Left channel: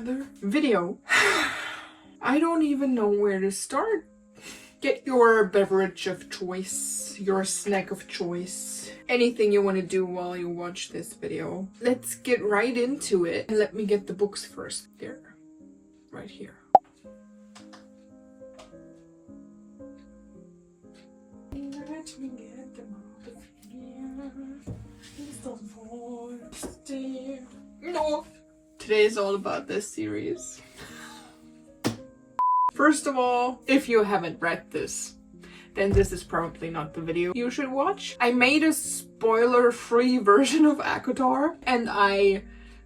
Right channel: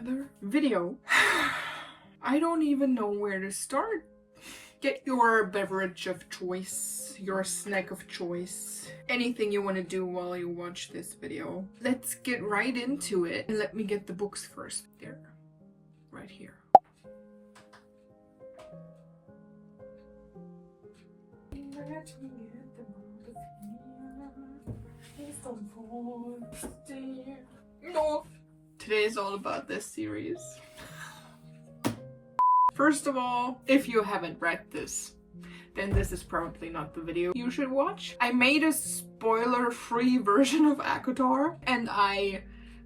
another video. I don't even know where to start. Get your beverage of choice, your snack of choice, anything you want to do while you watch this video. Let's get right into it. And let me get the books first. There, right here. Let me get them out of here. It's the voice. No. Today is all about this series. First of all, if you haven't read this, then this is probably not the video you should watch. I made a spoiler-free version of ACOTAR, and I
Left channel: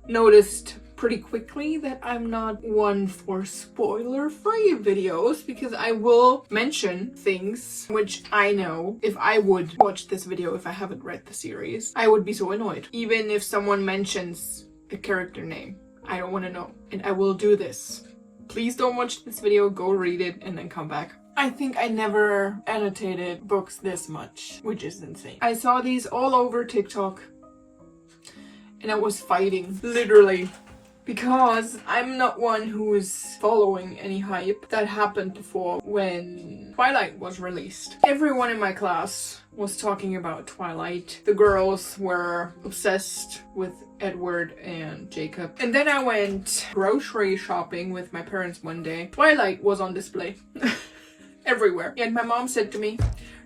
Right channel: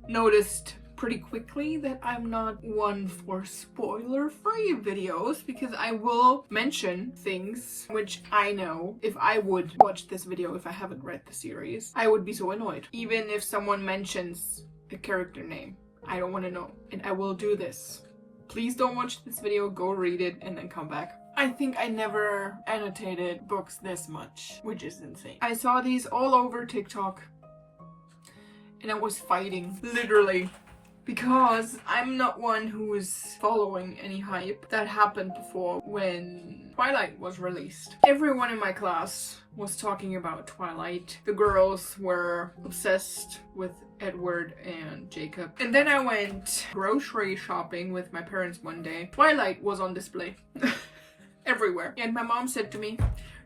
noticed pretty quickly that I'm not one for spoiler-free videos, because I will mention things which I know if I would watch this video if I haven't read the series, I would be so annoyed. Even if someone mentions a character name, I don't want to know, and I will do this. Please don't watch this video, go read it, and then come back. I think I never annotated books this much, which is insane. I saw these all over TikTok, and I was fighting, literally, because I'm not one who is following any hype that happened before when Twilight was released. Everyone in my class was talking about Twilight. The girls were obsessed with Edward and Jacob. And then I went grocery shopping with my parents one day. Twilight was on display everywhere. And my mom said to me,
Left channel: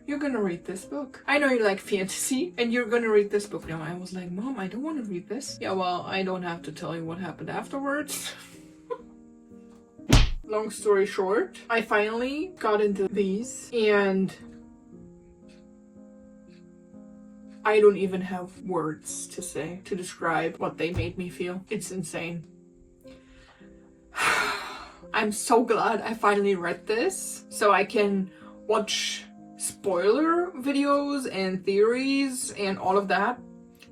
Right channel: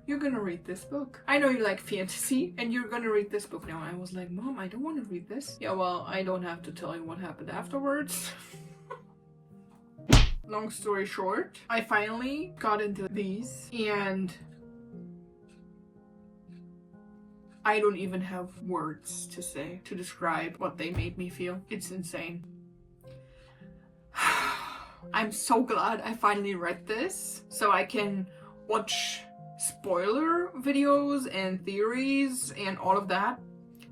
"You're gonna read this book. I know you like fantasy, and you're gonna read this book." Now I was like, "Mom, I don't want to read this." "Yeah, well, I don't have to tell you what happened afterwards." Long story short, I finally got into these, and I don't even have words to say to describe what they made me feel. It's insane. I'm so glad I finally read this, so I can watch spoiler videos and theories and all of that,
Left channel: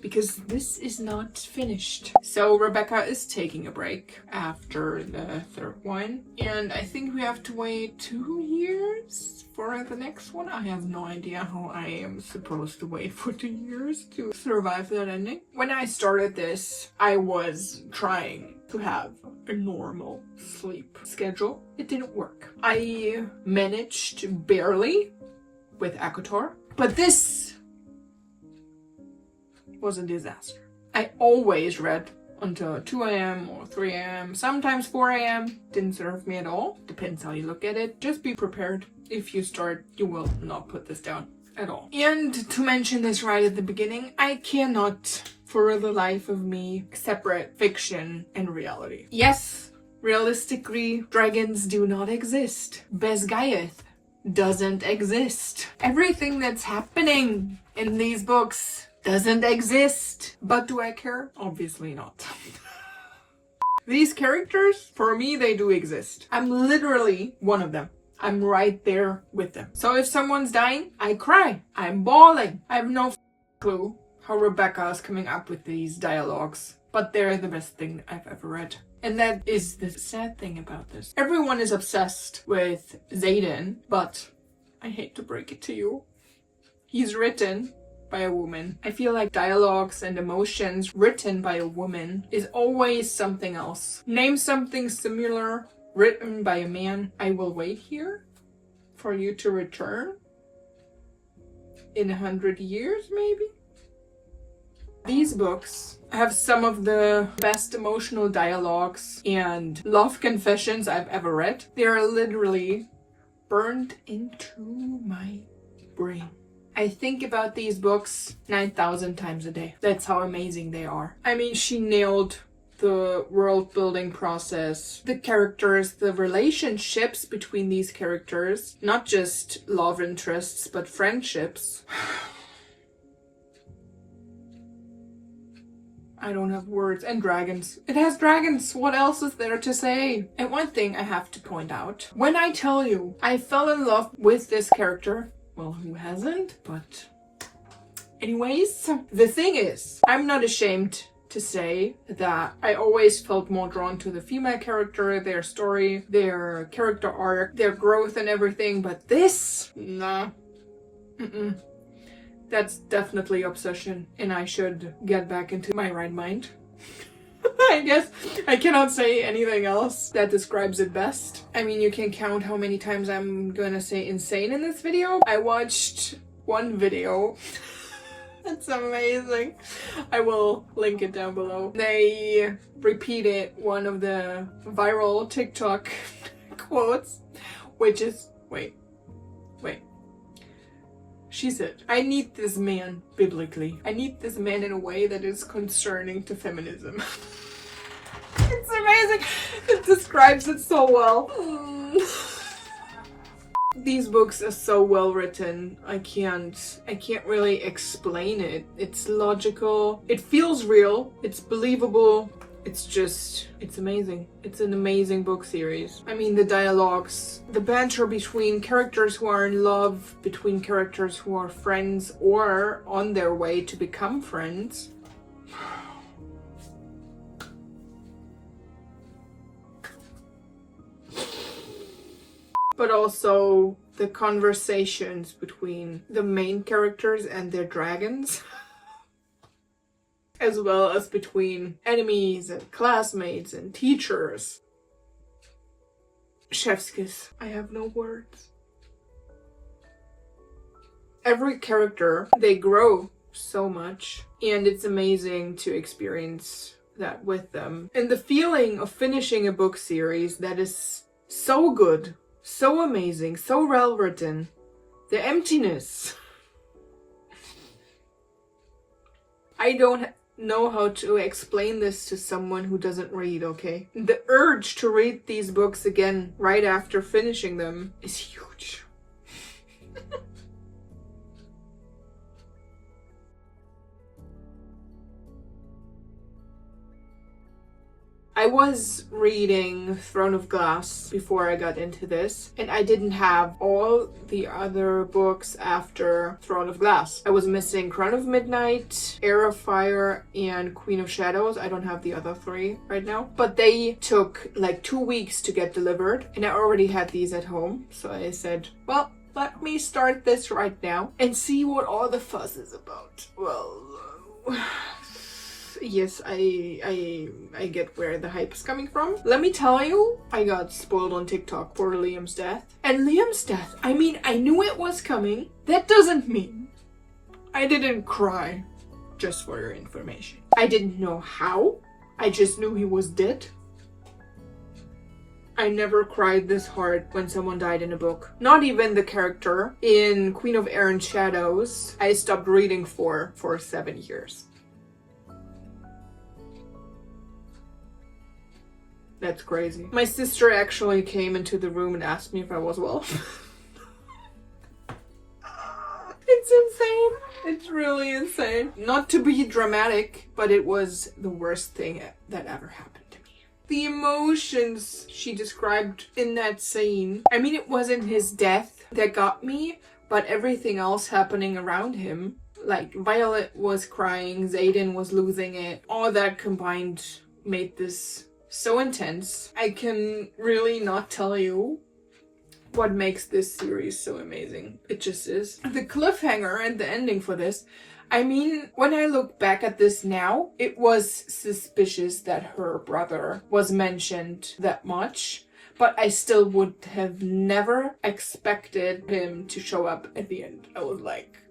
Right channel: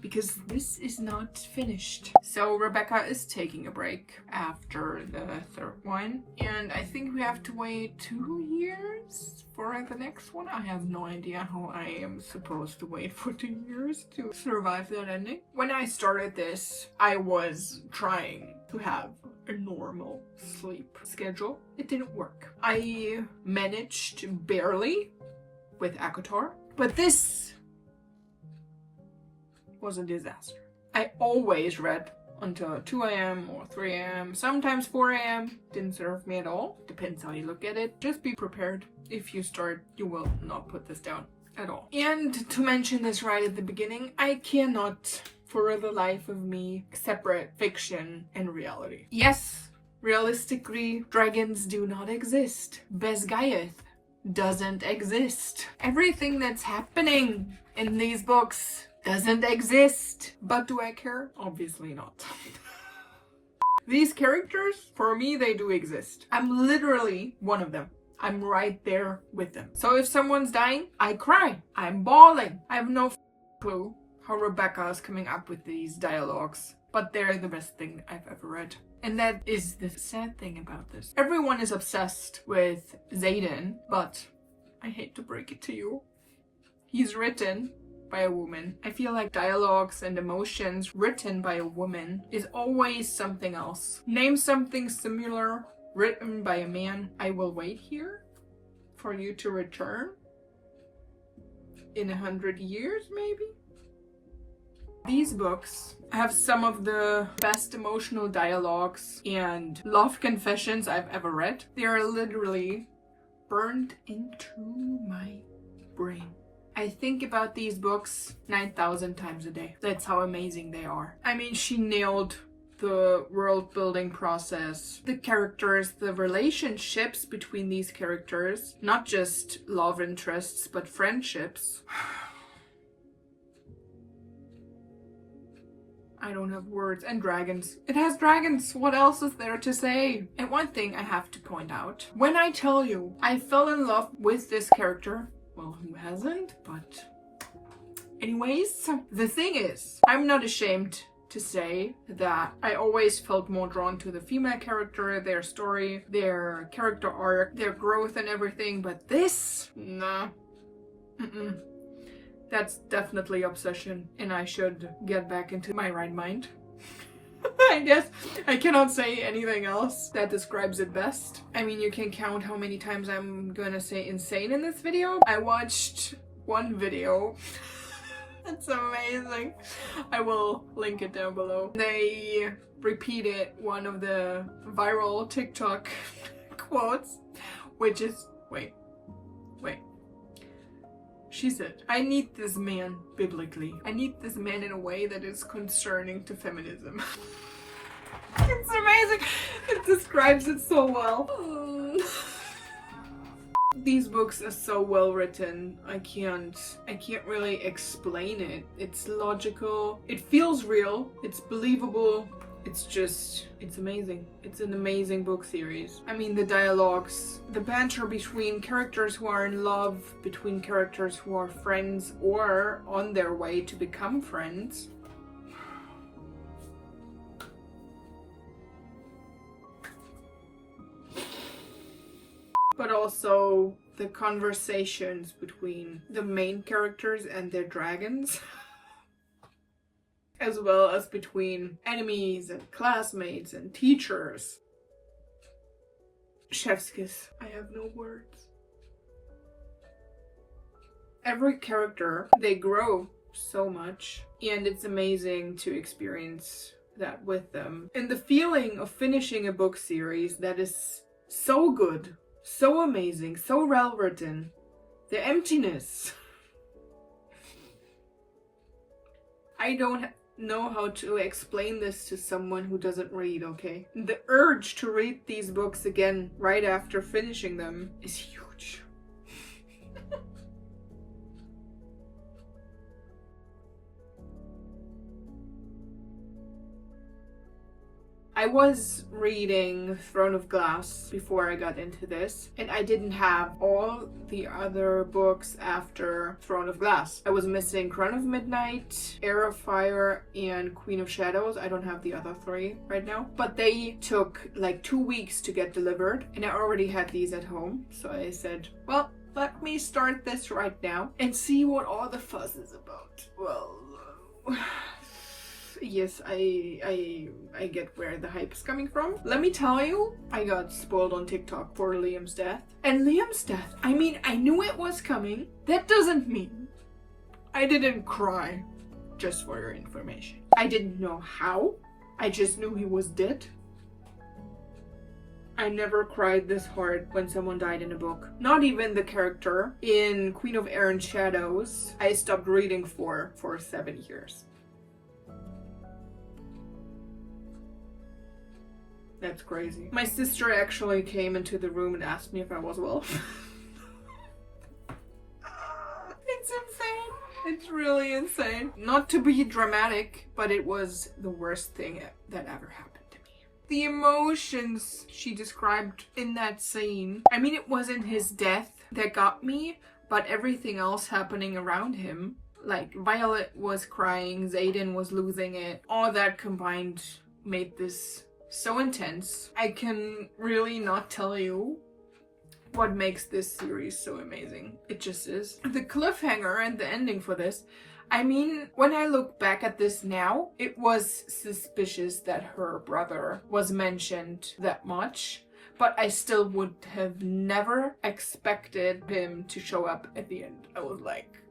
because this is not finished. So Rebecca is taking a break after the third one, and I think we have to wait 2 years for the next one. I have no idea how I am supposed to wait for 2 years to survive that ending. When I started this, I was trying to have a normal sleep schedule. It didn't work. I managed barely with ACOTAR, but this was a disaster. I always read until 2 a.m. or 3 a.m., sometimes 4 a.m. Didn't serve me at all. Depends how you look at it. Just be prepared. If you start, you will not put this down at all. And to mention this right at the beginning, I cannot, for the life of me, separate fiction and reality. Yes, realistically, dragons do not exist. Besgaiath doesn't exist. Everything that's happening in these books doesn't exist. But do I care? Obviously not. These characters, for me, they do exist. I'm literally one of them. I'm right there with them. So if someone's dying, I cry. I'm bawling. I have no clue how Rebecca is coming up with these dialogues, but they're the best thing I've ever read. And that is the sad thing about this. Everyone is obsessed with Xaden, but I hate to break it to you, he's written by a woman. I feel like dialogues and emotions written by a woman is always something else. Name something similar written by a man. I will wait here for you to return in 100 years, maybe? These books have some of the best emotional dialogues and love confessions I've ever read. They are literally burned into my brain. I think about these books 9,000 times a day. That's how amazing they are. I mean, she nailed the world building process, the characters, the relationships between these characters, not just love interests, but friendships. I don't have words. And dragons. It has dragons. What else is there to say? And one thing I have to point out. When I tell you I fell in love with this character, well, who hasn't? But anyways, the thing is, I'm not ashamed to say that I always felt more drawn to the female character, their story, their character arc, their growth and everything, but this? Nah. That's definitely obsession, and I should get back into my right mind. I guess I cannot say anything else that describes it best. I mean, you can count how many times I'm gonna say insane in this video. I watched one video. It's amazing. I will link it down below. They repeated one of the viral TikTok quotes, which is, wait. She said, I need this man biblically. I need this man in a way that is concerning to feminism. It's amazing. It describes it so well. These books are so well written. I can't really explain it. It's logical. It feels real. It's believable. It's amazing. It's an amazing book series. I mean, the dialogues, the banter between characters who are in love, between characters who are friends or on their way to become friends. But also the conversations between the main characters and their dragons. As well as between enemies and classmates and teachers. Chef's kiss. I have no words. Every character, they grow so much, and it's amazing to experience that with them. And the feeling of finishing a book series that is so good, so amazing, so well written. The emptiness. I don't know how to explain this to someone who doesn't read, okay? The urge to read these books again right after finishing them is huge. I was reading Throne of Glass before I got into this, and I didn't have all the other books after Throne of Glass. I was missing Crown of Midnight, Heir of Fire, and Queen of Shadows. I don't have the other three right now. But they took like 2 weeks to get delivered, and I already had these at home. So I said, well, let me start this right now and see what all the fuss is about. Well, yes, I get where the hype is coming from. Let me tell you, I got spoiled on TikTok for Liam's death. And Liam's death, I mean, I knew it was coming. That doesn't mean I didn't cry, just for your information. I didn't know how. I just knew he was dead. I never cried this hard when someone died in a book. Not even the character in Queen of Air and Shadows I stopped reading for 7 years. That's crazy. My sister actually came into the room and asked me if I was well. It's insane. It's really insane. Not to be dramatic, but it was the worst thing that ever happened to me. The emotions she described in that scene. I mean, it wasn't his death that got me, but everything else happening around him. Like, Violet was crying, Xaden was losing it. All that combined made this so intense. I can really not tell you what makes this series so amazing. It just is. The cliffhanger and the ending for this, I mean, when I look back at this now, it was suspicious that her brother was mentioned that much, but I still would have never expected him to show up at the end. I was like,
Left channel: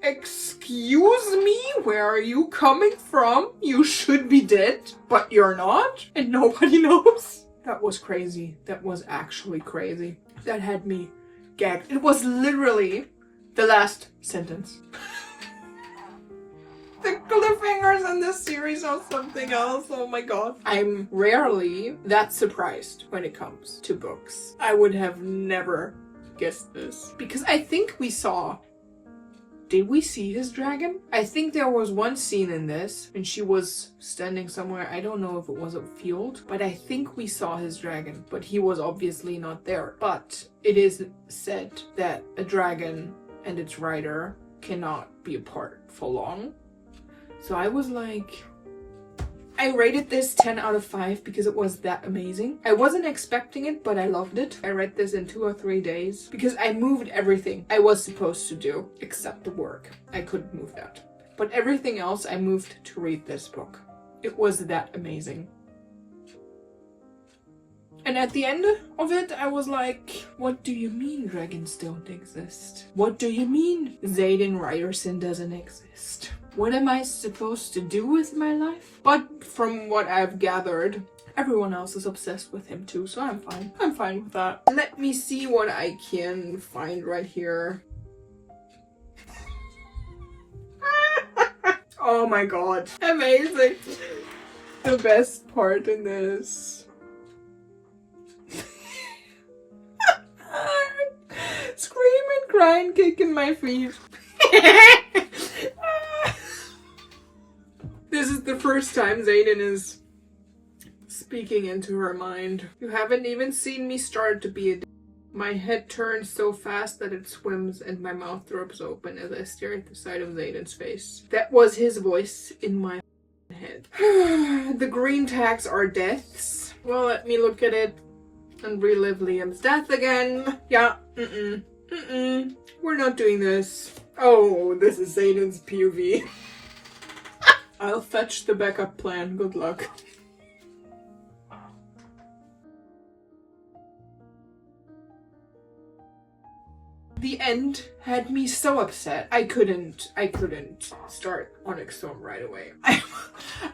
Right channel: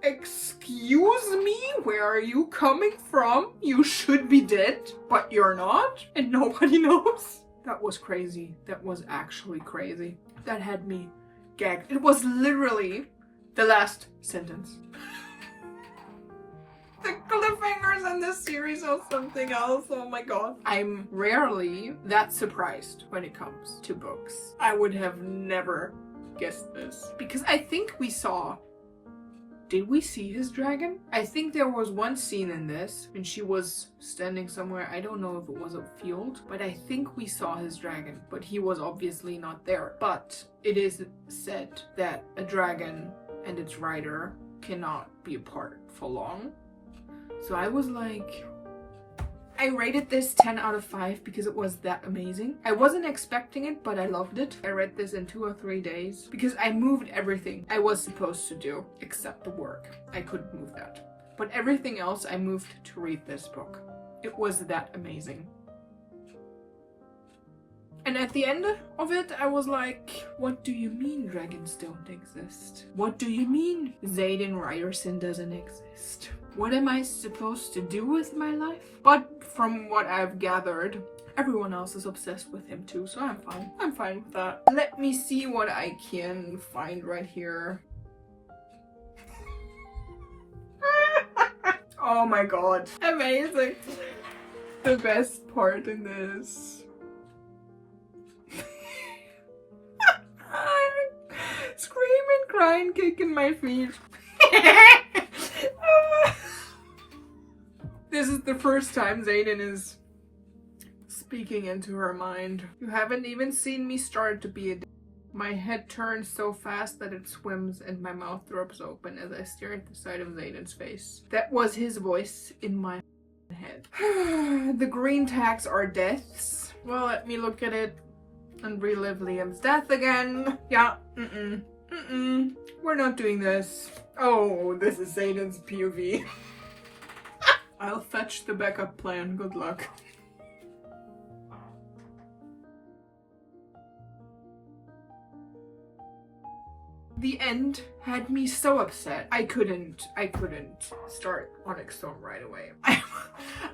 excuse me, where are you coming from? You should be dead, but you're not, and nobody knows. That was crazy. That was actually crazy. That had me gagged. It was literally the last sentence. The cliffhangers in this series are something else. Oh my god. I'm rarely that surprised when it comes to books. I would have never guessed this. Because I think we saw... Did we see his dragon? I think there was one scene in this and she was standing somewhere. I don't know if it was a field, but I think we saw his dragon, but he was obviously not there. But it is said that a dragon and its rider cannot be apart for long. So I was like, I rated this 10 out of 5 because it was that amazing. I wasn't expecting it, but I loved it. I read this in 2 or 3 days because I moved everything I was supposed to do except the work. I couldn't move that. But everything else I moved to read this book. It was that amazing. And at the end of it, I was like, what do you mean dragons don't exist? What do you mean Xaden Ryerson doesn't exist? What am I supposed to do with my life? But from what I've gathered, everyone else is obsessed with him too, so I'm fine. I'm fine with that. Let me see what I can find right here. Oh my god. Amazing. The best part in this. Screaming, crying, kicking my feet. This is the first time Xaden is speaking into her mind. You haven't even seen me start to be a My head turns so fast that it swims and my mouth drops open as I stare at the side of Xaden's face. That was his voice in my head. The green tags are deaths. Well, let me look at it and relive Liam's death again. Yeah, we're not doing this. Oh, this is Xaden's POV. I'll fetch the backup plan. Good luck. The end had me so upset. I couldn't start Onyx Storm right away.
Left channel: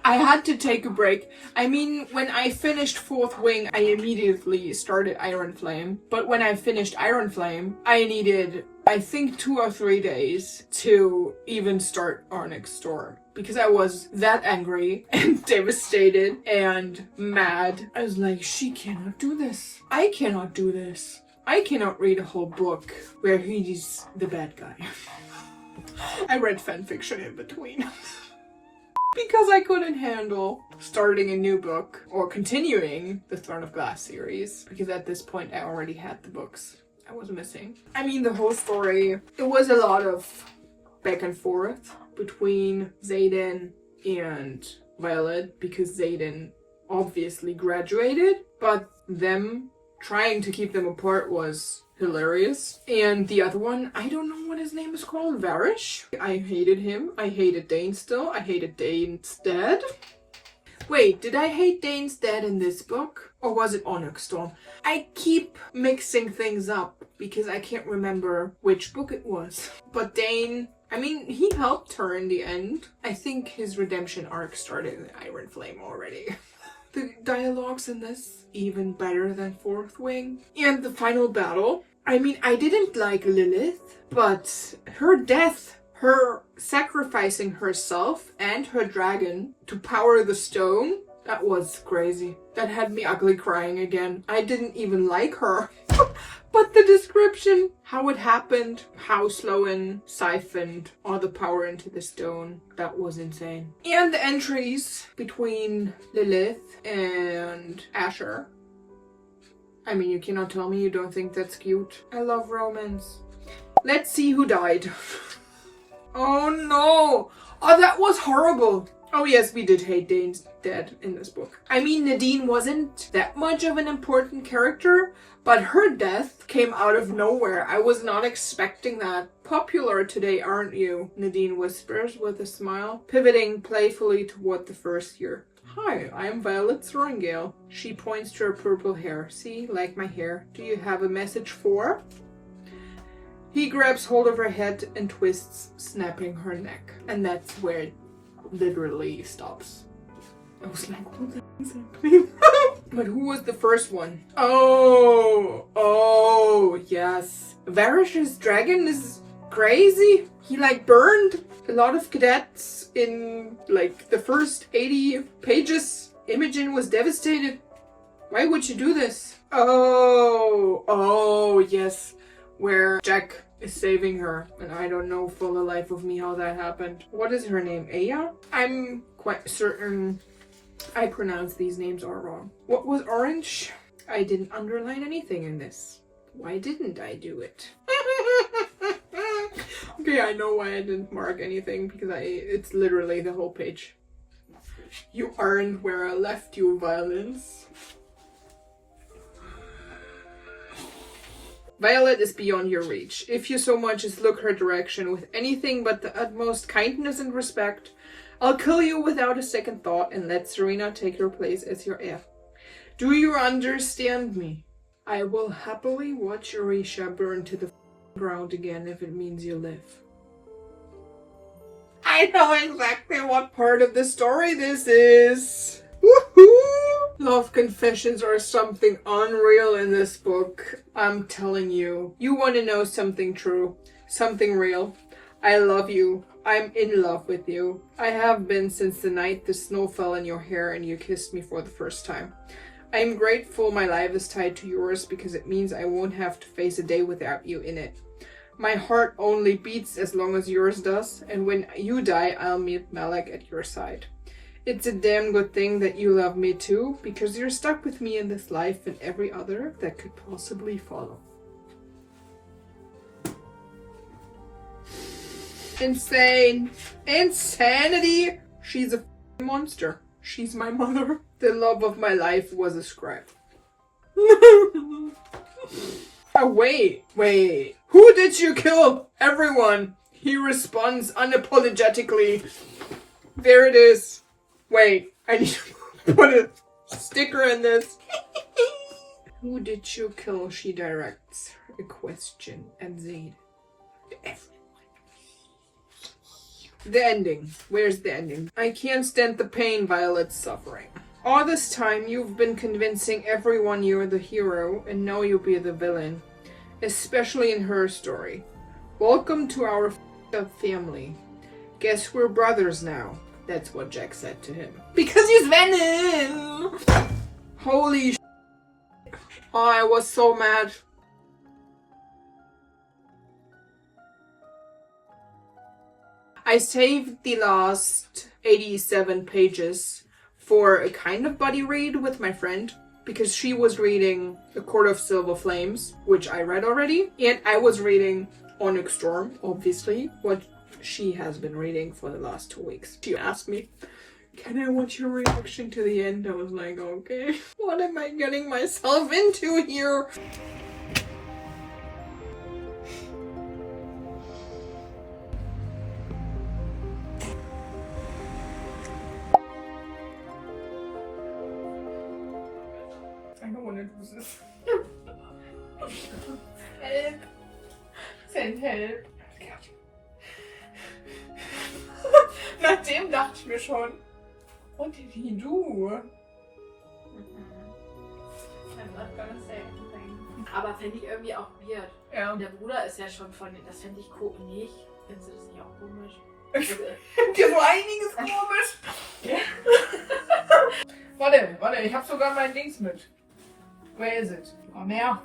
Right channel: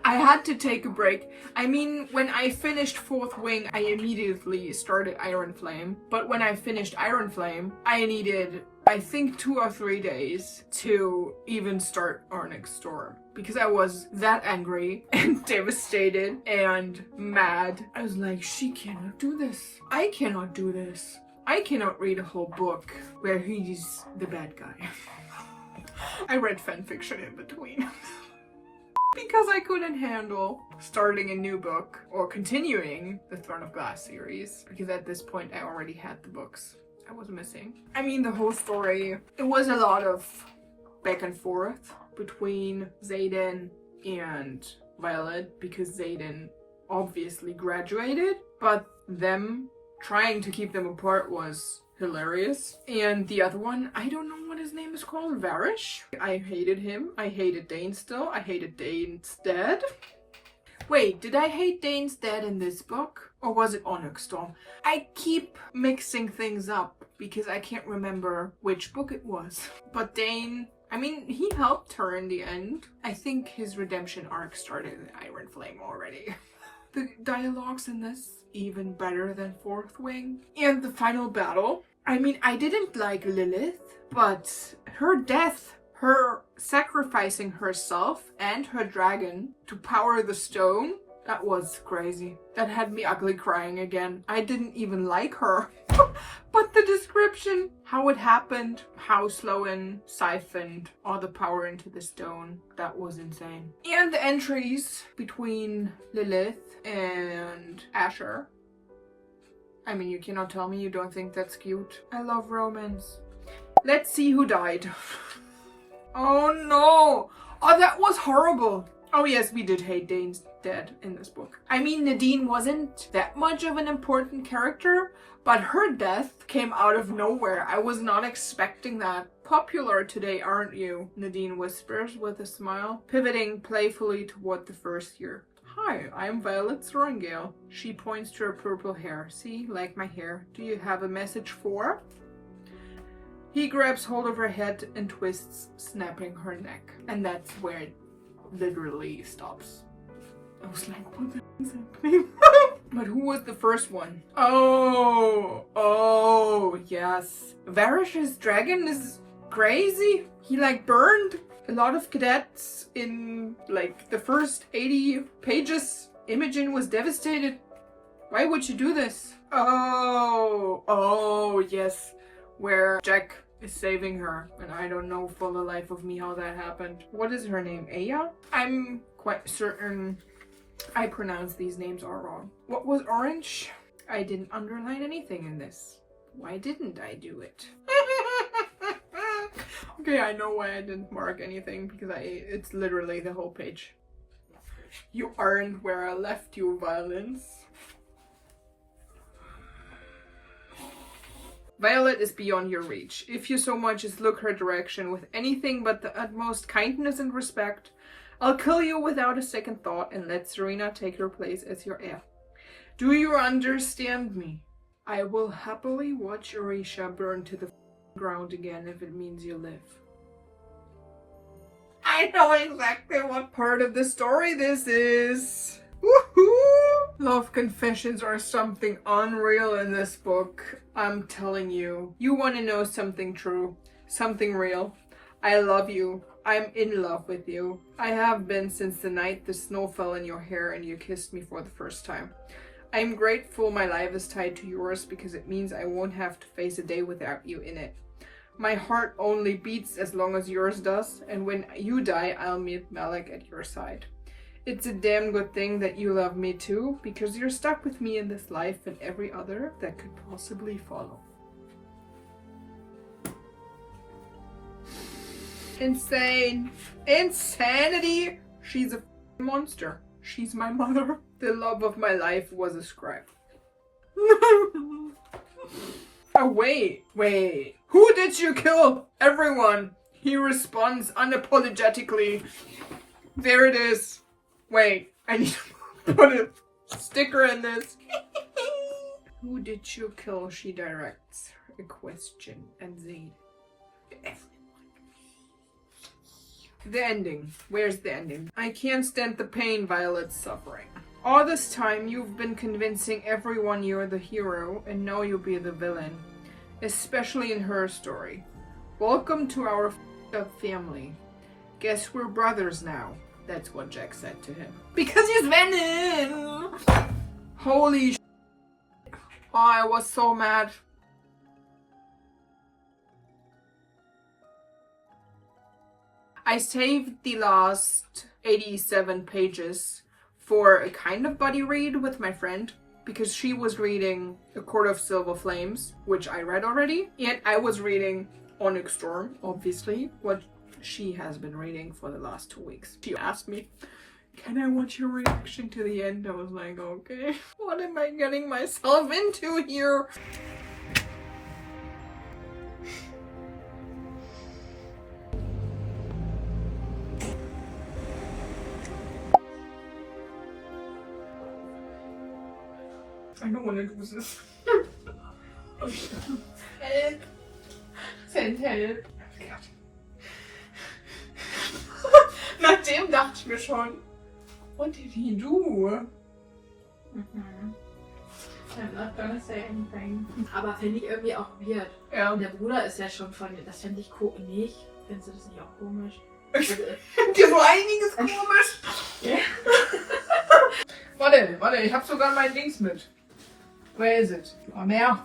I had to take a break. I mean, when I finished Fourth Wing, I immediately started Iron Flame. But when I finished Iron Flame, I needed, I think, 2 or 3 days to even start Onyx Storm. Because I was that angry and devastated and mad. I was like, she cannot do this. I cannot do this. I cannot read a whole book where he's the bad guy. I read fanfiction in between. Because I couldn't handle starting a new book or continuing the Throne of Glass series. Because at this point I already had the books I was missing. I mean, the whole story, it was a lot of back and forth between Xaden and Violet. Because Xaden obviously graduated, but them trying to keep them apart was hilarious. And the other one, I don't know what his name is called, Varish. I hated him. I hated Dane still. I hated Dane's dad. Wait, did I hate Dane's dad in this book? Or was it Onyx Storm? I keep mixing things up because I can't remember which book it was. But Dane, I mean, he helped her in the end. I think his redemption arc started in Iron Flame already. The dialogues in this, even better than Fourth Wing. And the final battle. I mean, I didn't like Lilith, but her death, her sacrificing herself and her dragon to power the stone, that was crazy. That had me ugly crying again. I didn't even like her. But the description, how it happened, how Sloan siphoned all the power into the stone, that was insane. And the entries between Lilith and Asher. I mean, you cannot tell me you don't think that's cute. I love romance. Let's see who died. Oh no! Oh, that was horrible! Oh yes, we did hate Dane's dad in this book. I mean, Nadine wasn't that much of an important character, but her death came out of nowhere. I was not expecting that. Popular today, aren't you? Nadine whispers with a smile, pivoting playfully toward the first year. Hi, I am Violet Sorengale. She points to her purple hair. See, like my hair. Do you have a message for? He grabs hold of her head and twists, snapping her neck. And that's where it literally stops. I was like, what the is happening? But who was the first one? Oh, yes. Varish's dragon is crazy. He like burned a lot of cadets in like the first 80 pages. Imogen was devastated. Why would you do this? Oh, yes. Where Jack is saving her. And I don't know for the life of me how that happened. What is her name? Aya? I'm quite certain I pronounced these names all wrong. What was orange? I didn't underline anything in this. Why didn't I do it? Okay, I know why I didn't mark anything, because it's literally the whole page. You aren't where I left you, violence. Violet is beyond your reach. If you so much as look her direction with anything but the utmost kindness and respect, I'll kill you without a second thought and let Serena take your place as your heir. Do you understand me? I will happily watch Orisha burn to the ground again if it means you live. I know exactly what part of the story this is. Woohoo! Love confessions are something unreal in this book. I'm telling you. You want to know something true, something real. I love you. I'm in love with you. I have been since the night the snow fell in your hair and you kissed me for the first time. I'm grateful my life is tied to yours because it means I won't have to face a day without you in it. My heart only beats as long as yours does, and when you die, I'll meet Malak at your side. It's a damn good thing that you love me too, because you're stuck with me in this life and every other that could possibly follow. Insane. Insanity. She's a monster. She's my mother. The love of my life was a scribe. Oh, wait. Who did you kill? Everyone. He responds unapologetically. There it is. Wait, I need to put a sticker in this. Who did you kill? She directs a question at Zaid. Everyone. The ending. Where's the ending? I can't stand the pain Violet's suffering. All this time you've been convincing everyone you're the hero, and now you'll be the villain. Especially in her story. Welcome to our f***ed up family. Guess we're brothers now. That's what Jack said to him. Because he's Venom! Holy sh**. Oh, I was so mad. I saved the last 87 pages for a kind of buddy read with my friend, because she was reading A Court of Silver Flames, which I read already, and I was reading Onyx Storm, obviously, what she has been reading for the last 2 weeks. She asked me, can I watch your reaction to the end? I was like, okay, what am I getting myself into here? I don't want to do this. Help. Send help. Nach dem dachte ich mir schon, what did he do? I'm not gonna say anything. Aber finde ich irgendwie auch weird. Ja. Und der Bruder ist ja schon von dir. Das fände ich nicht. Findest du das nicht auch komisch? Dir so einiges komisch. Warte, ich hab sogar mein Dings mit. Where is it? Mal mehr.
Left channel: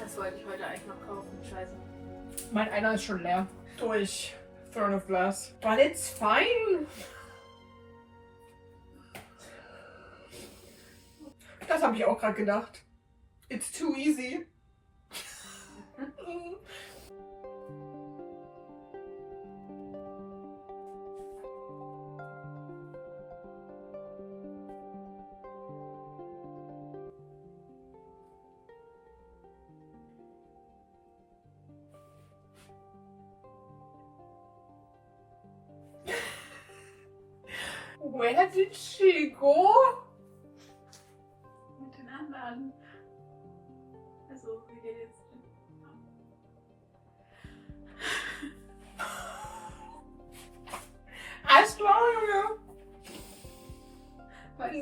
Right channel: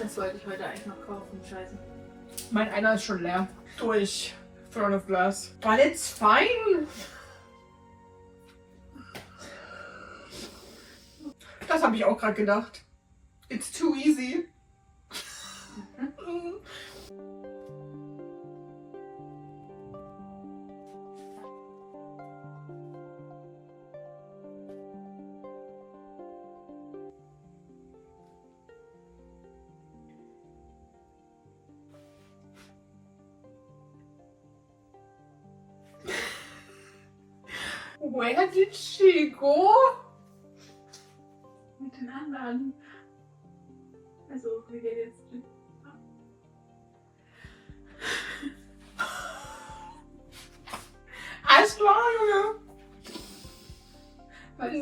Das wollte ich heute eigentlich noch kaufen, scheiße. Mein einer ist schon leer. Durch Throne of Glass. But it's fine. Das habe ich auch gerade gedacht. It's too easy. Where did she go? Mit den anderen. Also, wie geht jetzt? Alles klar, Junge.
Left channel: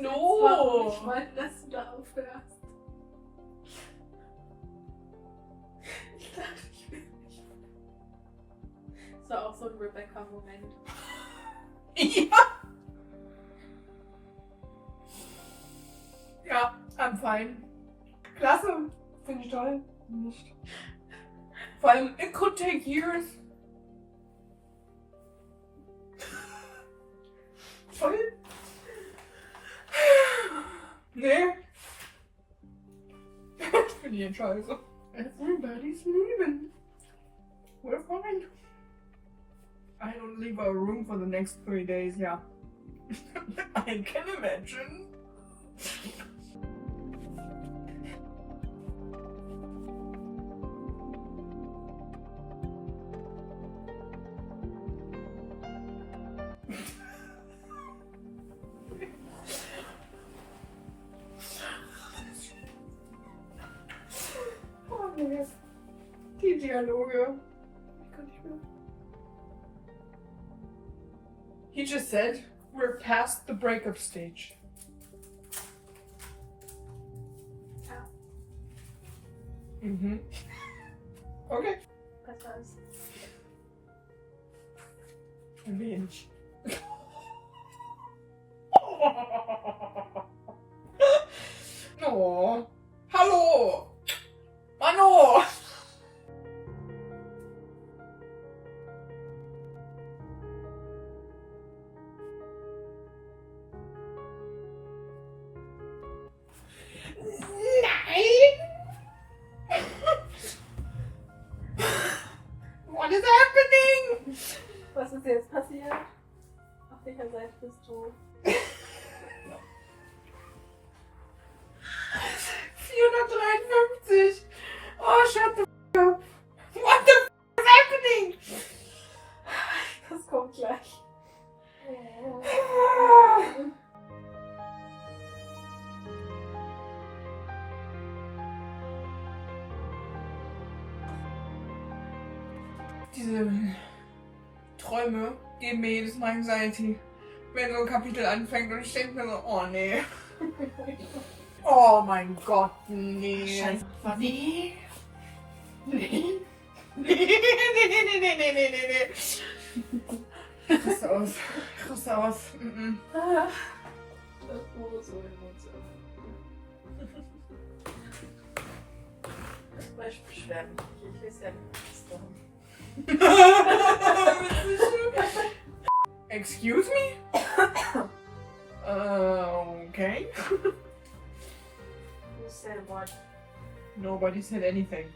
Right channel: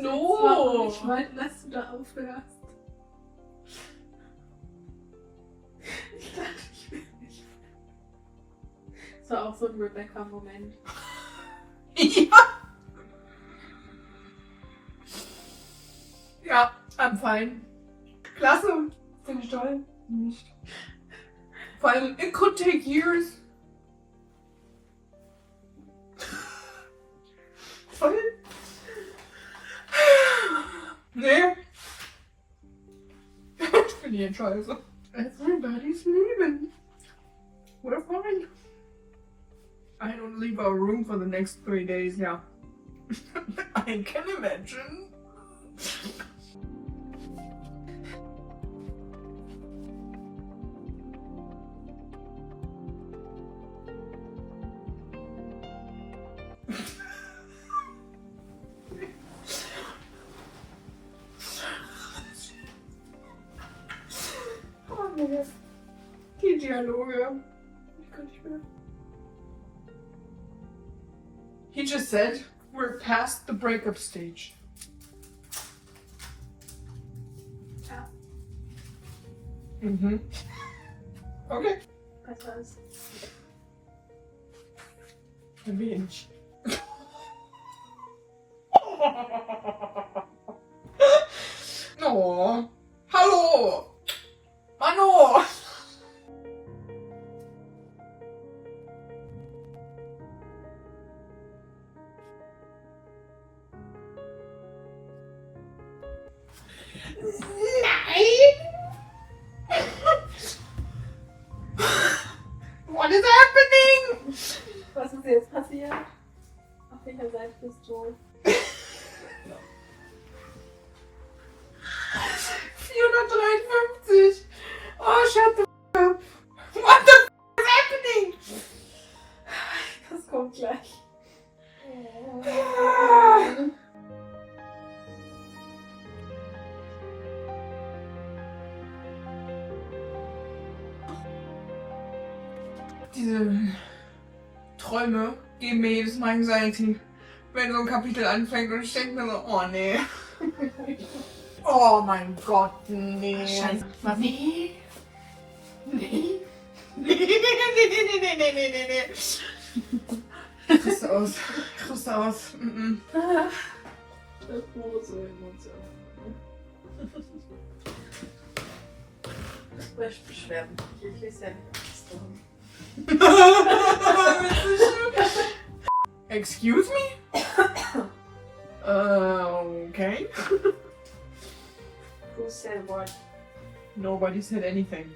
No. Ich wollte, dass du da aufhörst. Ich dachte, ich will nicht. Das war auch so ein Rebecca-Moment. Ja. Ja, I'm fine. Klasse. Finde ich toll. Nicht. Vor allem, it could take years. Voll. Nee. Ich finde die scheiße. Everybody's leaving. We're fine. I don't leave our room for the next 3 days, yeah. I can imagine. Nee. Die Dialoge. Ich kann nicht mehr. He just said, we're past the breakup stage. Ja. Mhm. Okay. Besser ist. Ein wenig. Oh. Hallo. Mano. Nein. What is happening? Was ist jetzt passiert? Auf welcher Seite bist du? 453. Oh, shut the f up. What the f is happening? Das kommt gleich. Diese Träume geben mir jedes Mal Anxiety, wenn so ein Kapitel anfängt und ich denke mir so, oh nee. Oh mein Gott, nee. Scheiße. Nee. Nee. Nee. Ich raste aus. Ich raste aus. Das ist nur so Emotion. Beschwerden. Ich lese ja nicht. Excuse me? Okay. Who said what? Nobody said anything.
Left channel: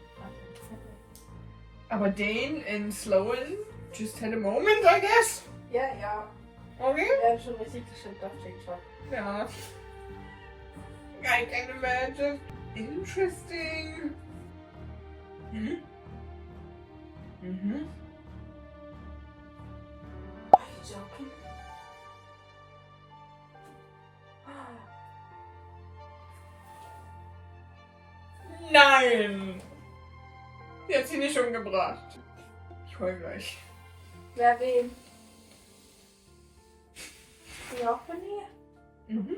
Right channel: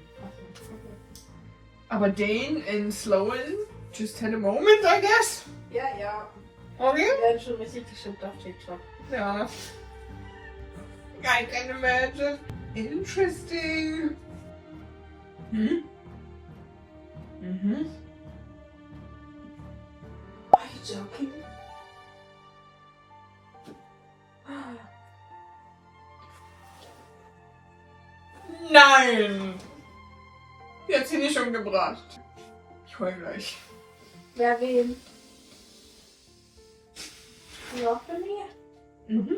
Aber Dane and Sloan just had a moment, I guess. Ja, ja. Okay. Wir werden schon richtig gestimmt auf TikTok. Ja. I can imagine. Interesting. Mhm. Are you joking? Nein! Die hat sie nicht umgebracht. Ich heul gleich. Wer wen? Rockany? Mhm.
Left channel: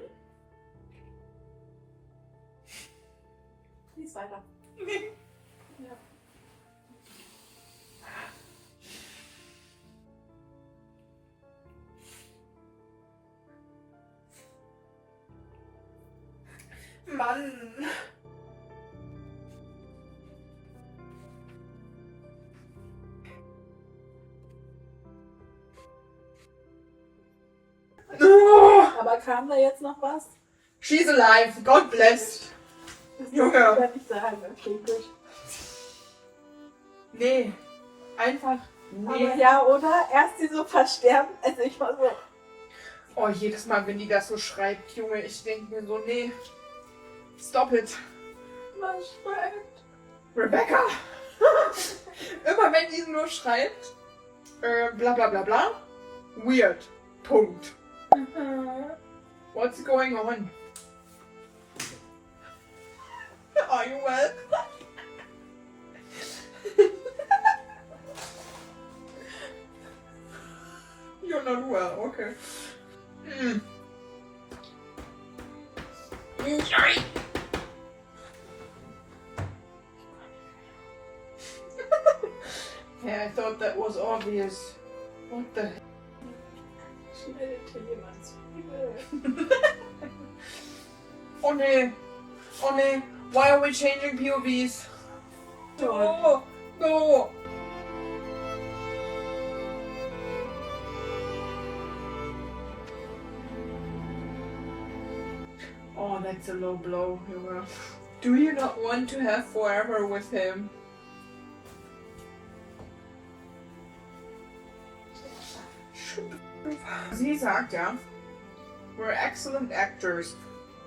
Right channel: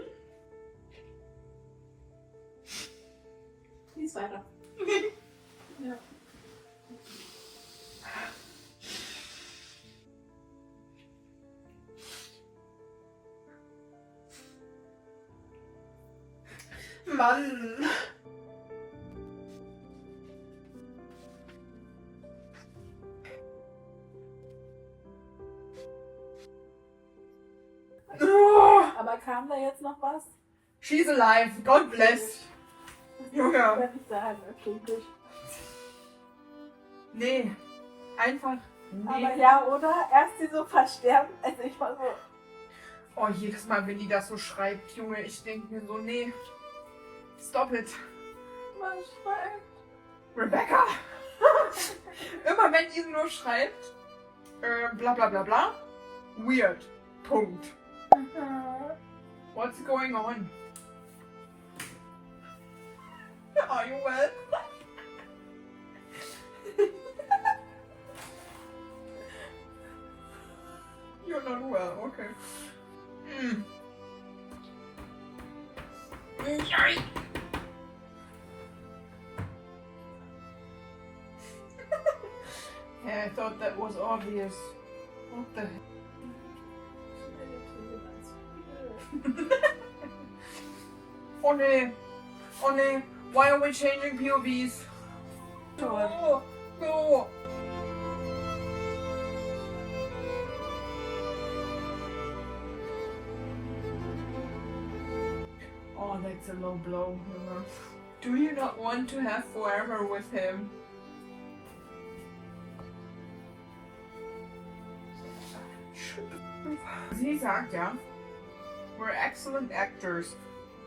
Lies weiter. Ja. Mann! Oh, Aber kam da jetzt noch was? she's alive. God bless. Das Junge. kann ich sagen. Okay, gut. Nee. Einfach. Aber Nee. ja, oder? Erst sie so versterben. Also ich war so. Oh, jedes Mal, wenn die das so schreibt, Junge, ich denke mir so, nee. Stop it. Was schreibt? Rebecca! Immer wenn die nur schreibt, bla bla bla bla, weird. Punkt. What's going on? Are you well? You're not well, okay. Sorry. Yeah, I thought that was obvious. What the heck? She made it to you once. Oh nee. Oh nee. Why are we changing POVs? No. No. Oh, that's a low blow, Junge. Do you not want to have forever with him? Sie sagt ja, we're excellent actors,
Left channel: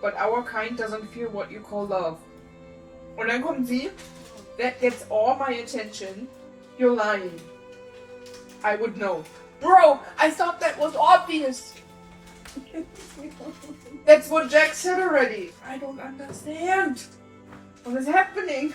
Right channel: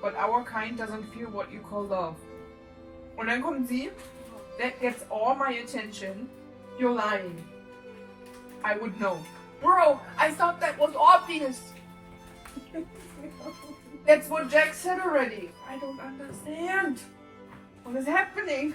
but our kind doesn't feel what you call love. Und dann kommt sie, that gets all my attention. You're lying. I would know. Bro, I thought that was obvious. That's what Jack said already. I don't understand. What is happening?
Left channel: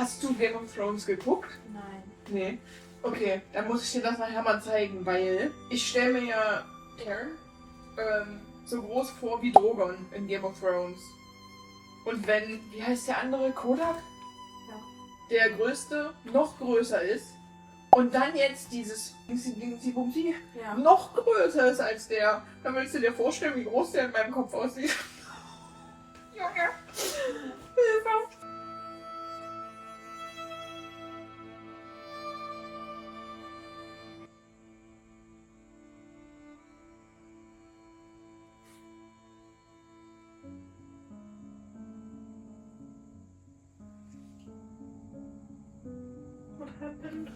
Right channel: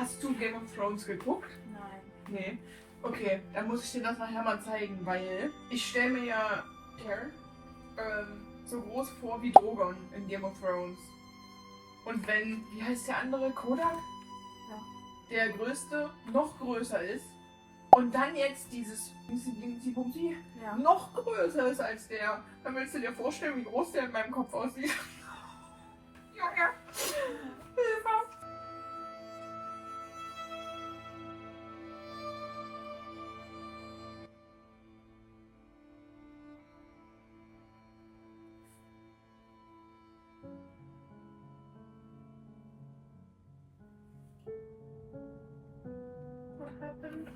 Hast du Game of Thrones geguckt? Nein. Nee. Okay, dann muss ich dir das nachher mal zeigen, weil ich stelle mir ja so groß vor wie Drogon in Game of Thrones. Und wenn, wie heißt der andere, Kodak? Ja. Der größte noch größer ist und dann jetzt dieses Bumsi Ja. noch größer ist als der, dann willst du dir vorstellen, wie groß der in meinem Kopf aussieht. Junge. Hilfe. What happened?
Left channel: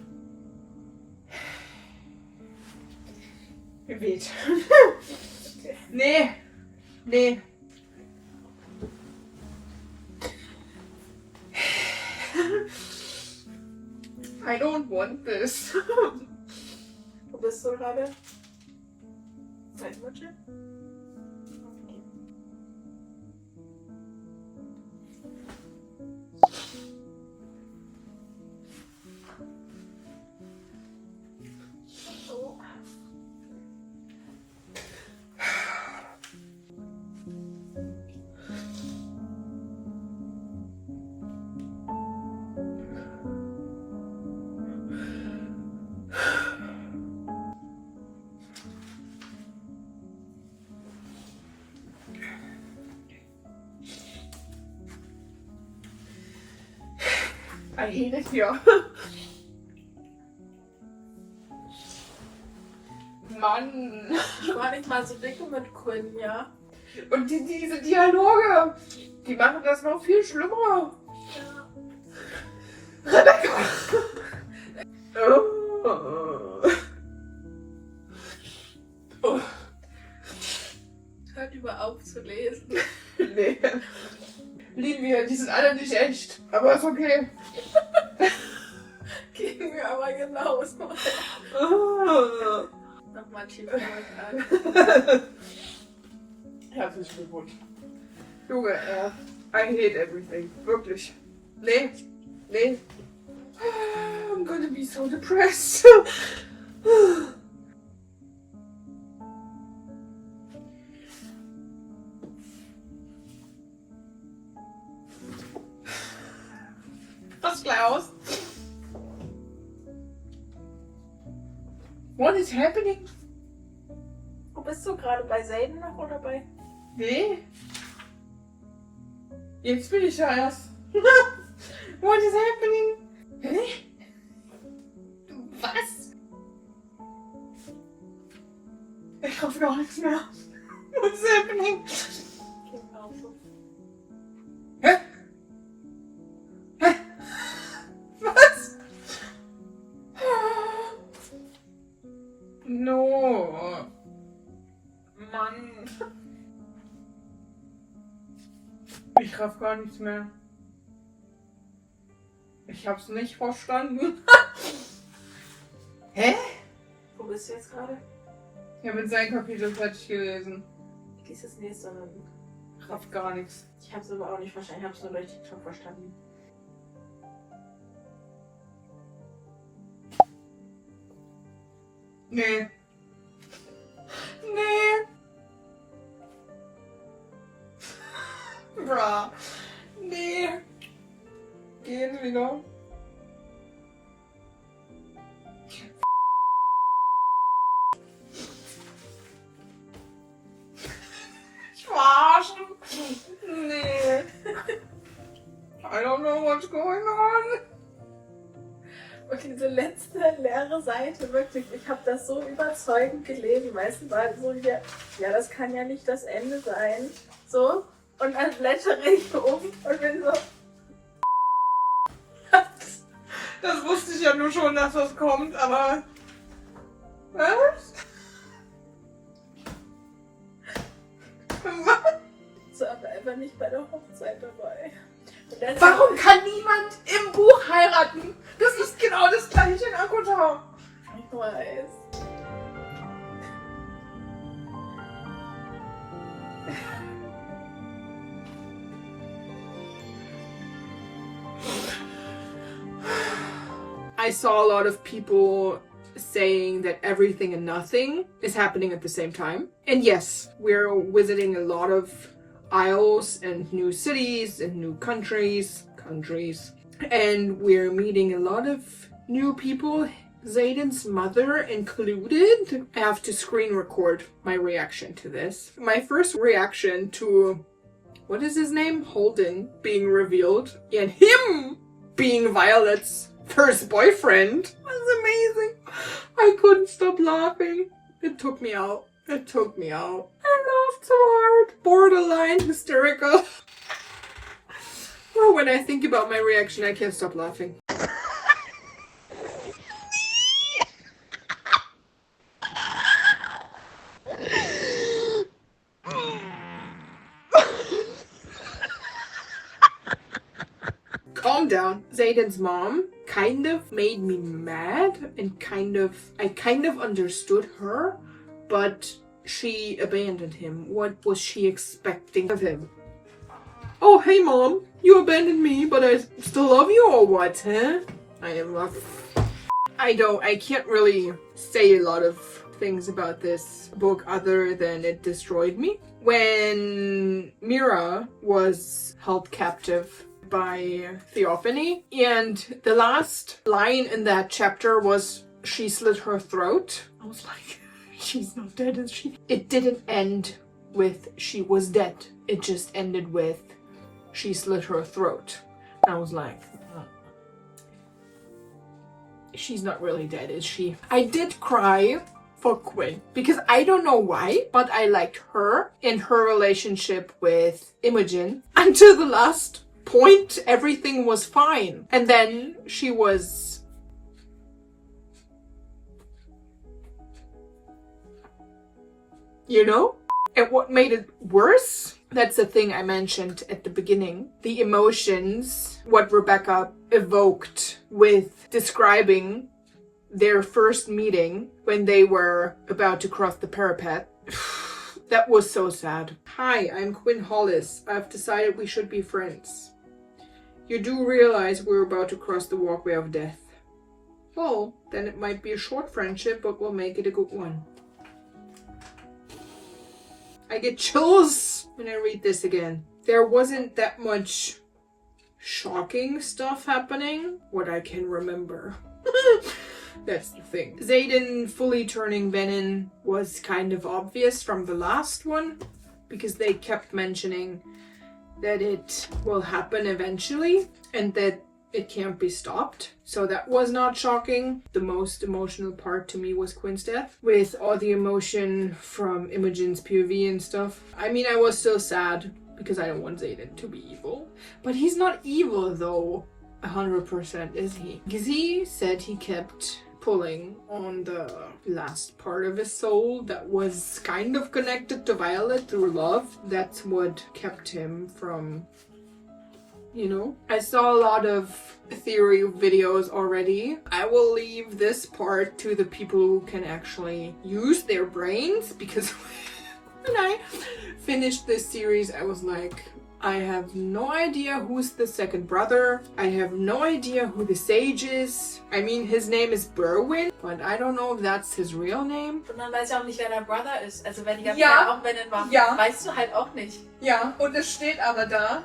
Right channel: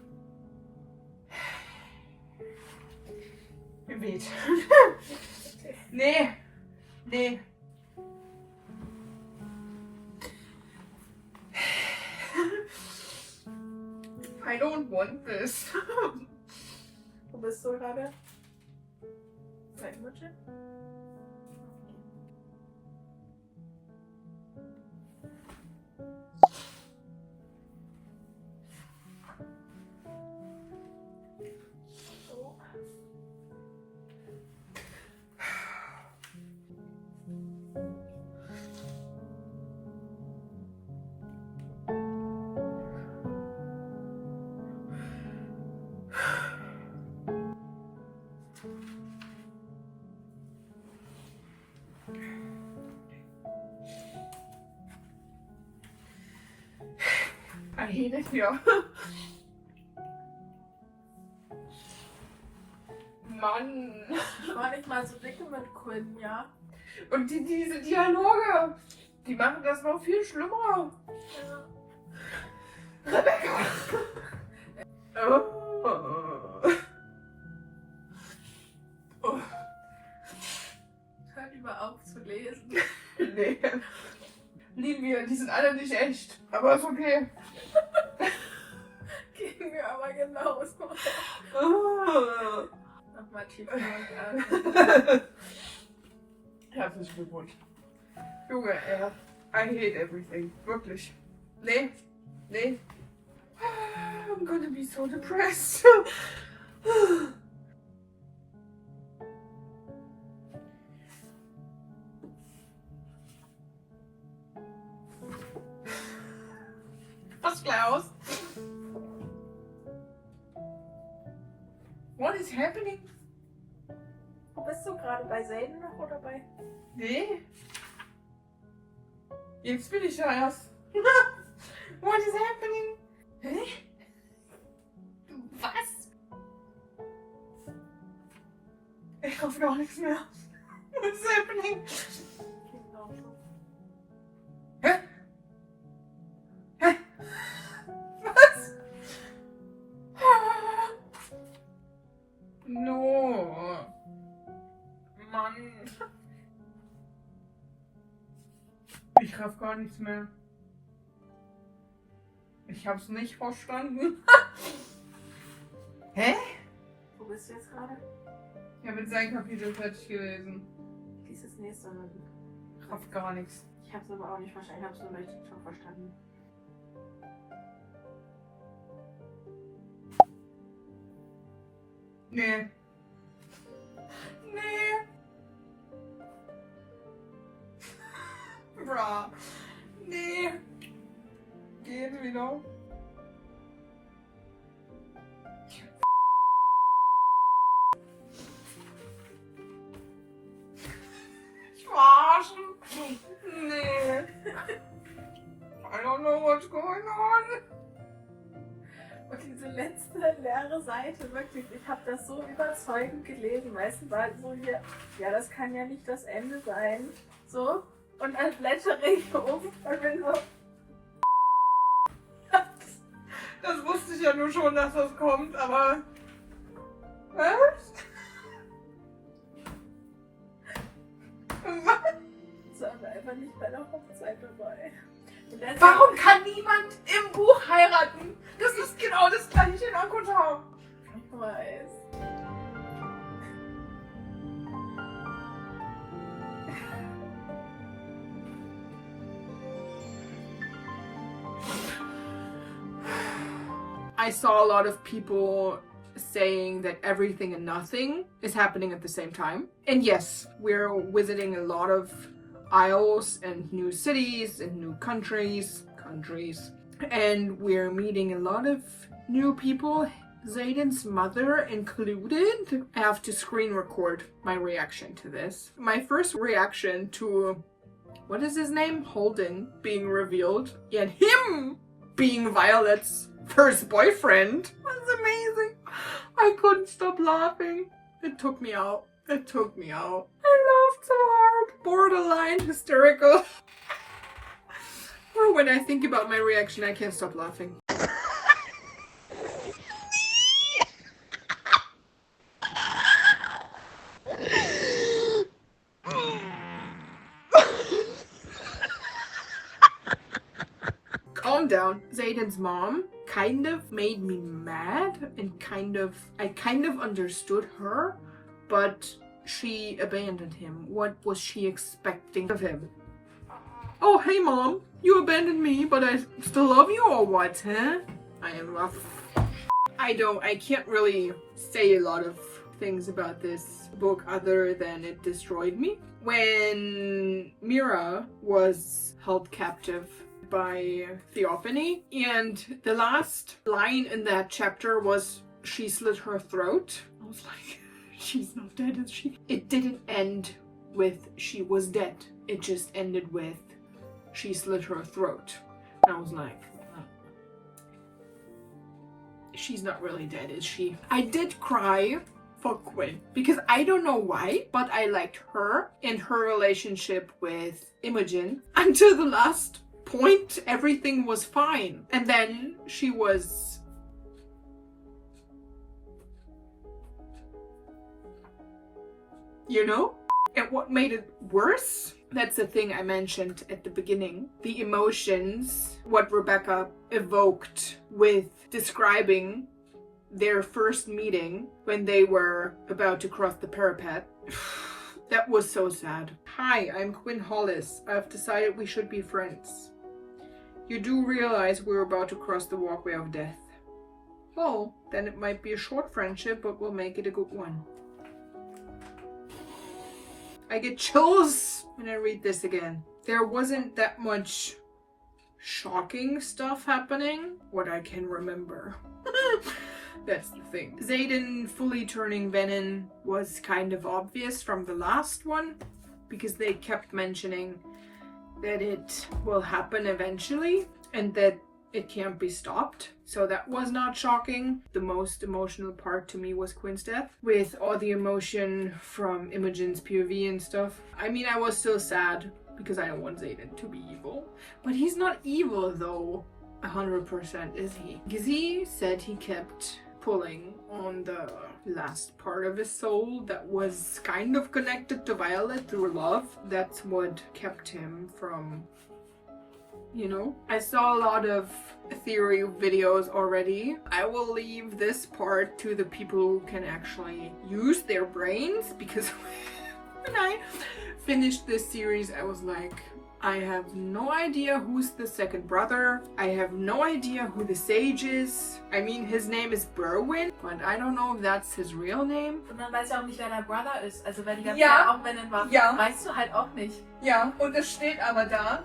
Mir weht. Nee. Nee. I don't want this. Wo bist du gerade? Zeitwürze? I hate it here. Mann. Ich war nicht mal so dicke mit Quinn, ja? Und diese Dialoge, die machen das noch viel schlimmer. Ja. Rebecca. Oh. Oh. Hört über auf zu lesen. Nee. Lieben wir, die sind alle nicht echt. Aber ist okay. Gehen wir aber genauso. Oh. Nochmal tief an. Herzlichen Glückwunsch. Junge, I hate everything. Wirklich. Nee. Nee. I'm gonna be so depressed. Was, Klaus? What is happening? Wo bist du gerade? Bei Zayden noch oder bei? Nee. Jetzt bin ich ja erst. What is happening? Hä? Was? Ich hoffe gar nichts mehr. What is happening? Genauso. Hä? Hä? Was? No. Mann. Ich raff gar nichts mehr. Ich hab's nicht verstanden. Hä? Wo bist du jetzt gerade? Ich habe jetzt sein Kapitel fertig gelesen. Dieses nächste und Ich raff gar nichts. ich hab's aber auch nicht verstanden. Ich hab's nur durch TikTok verstanden. Nee. Nee. Bra. Nee. Gehen wieder. Ich verarschen. Nee. I don't know what's going on. Und diese letzte leere Seite, wirklich, ich habe das so überzeugend gelesen. Meistens war so hier, ja, das kann ja nicht das Ende sein. So, und dann blättere ich um und bin so. Das wusste ich ja nur schon, dass das kommt, aber. Was? So, aber einfach nicht bei der Hochzeit dabei. Und deshalb- Warum kann niemand im Buch heiraten? Das ist genau das gleiche in Akutau. Ich weiß. I saw a lot of people saying that everything and nothing is happening at the same time. And yes, we're visiting a lot of isles and new cities and new countries. And we're meeting a lot of new people, Zayden's mother included. I have to screen record my reaction to this. My first reaction to, what is his name? Holden being revealed and him being Violet's first boyfriend was amazing. I couldn't stop laughing. It took me out. I laughed so hard. Borderline hysterical. Or when I think about my reaction, I can't stop laughing. Calm down. Zayden's mom kind of made me mad and I kind of understood her, but she abandoned him. What was she expecting of him? Oh, hey mom, you abandoned me, but I still love you or what, huh? I am rough. I can't really say a lot of things about this book other than it destroyed me. When Mira was held captive by Theophany, and the last line in that chapter was, she slit her throat. I was like, she's not dead, is she? It didn't end with she was dead. It just ended with she slit her throat. And I was like, she's not really dead, is she? I did cry for Quinn because I don't know why, but I liked her and her relationship with Imogen. Until the last point, everything was fine. And then she was... you know? And what made it worse, that's the thing I mentioned at the beginning, the emotions, what Rebecca evoked with describing their first meeting when they were about to cross the parapet. That was so sad. Hi, I'm Quinn Hollis. I've decided we should be friends. You do realize we're about to cross the walkway of death. Well, then it might be a short friendship, but we'll make it a good one. I get chills when I read this again. There wasn't that much shocking stuff happening, what I can remember. That's the thing. Zayden fully turning Venom was kind of obvious from the last one, because they kept mentioning that it will happen eventually and that it can't be stopped. So that was not shocking. The most emotional part to me was Quinn's death, with all the emotion from Imogen's POV and stuff. I mean, I was still sad because I don't want Zayden to be evil. But he's not evil though, 100%, is he? Gizzy said he kept pulling on the last part of his soul that was kind of connected to Violet through love. That's what kept him from, you know. I saw a lot of theory videos already. I will leave this part to the people who can actually use their brains, because when I finished this series I was like, I have no idea who's the second brother. I have no idea who the sage is. I mean, his name is Berwin, but I don't know if that's his real name. Und dann weiß ich auch nicht, wer dein Brother ist. Also wenn die ganze Ja. Zeit auch Venom war, Ja. weißt du halt auch nicht. Ja, und es steht aber da,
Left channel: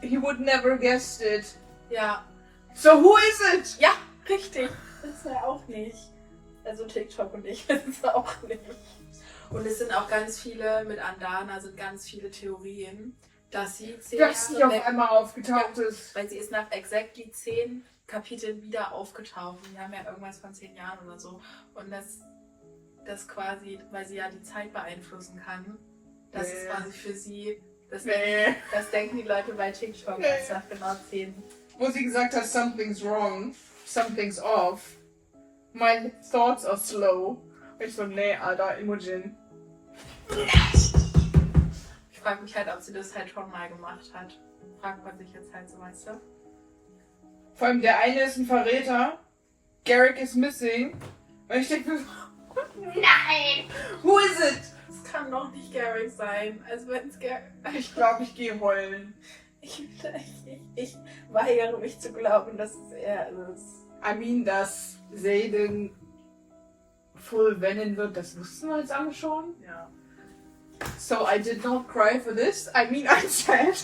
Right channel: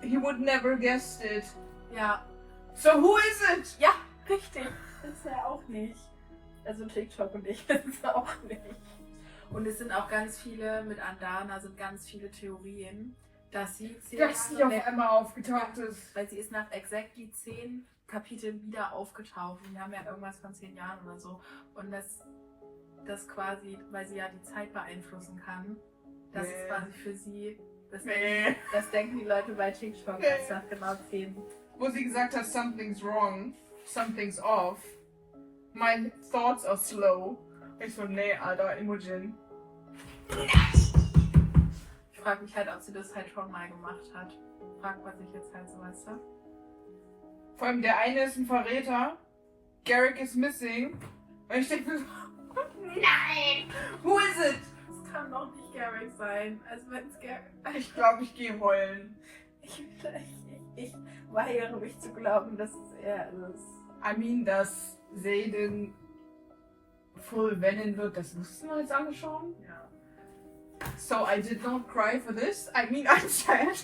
he would never guessed it. Ja. So who is it? Ja, richtig. Das ist er auch nicht. Also TikTok und ich wissen es auch nicht. Und es sind auch ganz viele, mit Andana sind ganz viele Theorien, dass sie 10 Dass sie Jahre auf weg, einmal aufgetaucht ist. weil sie ist nach exactly 10 Kapiteln wieder aufgetaucht. Die haben ja irgendwas von 10 Jahren oder so. Und das quasi, weil sie ja die Zeit beeinflussen kann, das ist quasi für sie, das denken die Leute bei TikTok, dass nach genau 10. Wo sie gesagt hat, something's wrong, something's off. My thoughts are slow. Ich so, nee, Alter, Imogen. Ich frage mich halt, ob sie das halt schon mal gemacht hat. Fragt man sich jetzt halt so, weißt du? Vor allem der eine ist ein Verräter. Garrick is missing. Und ich denke mir so, nein! Who is it? Das kann doch nicht Garrick sein. Also wenn es Garrick... Ich glaube, ich gehe heulen. Ich weigere mich zu glauben, dass es er ist. I mean, dass Zayden full Venom wird, das wussten wir jetzt alle schon. Ja. So I did not cry for this. I mean, I'm sad.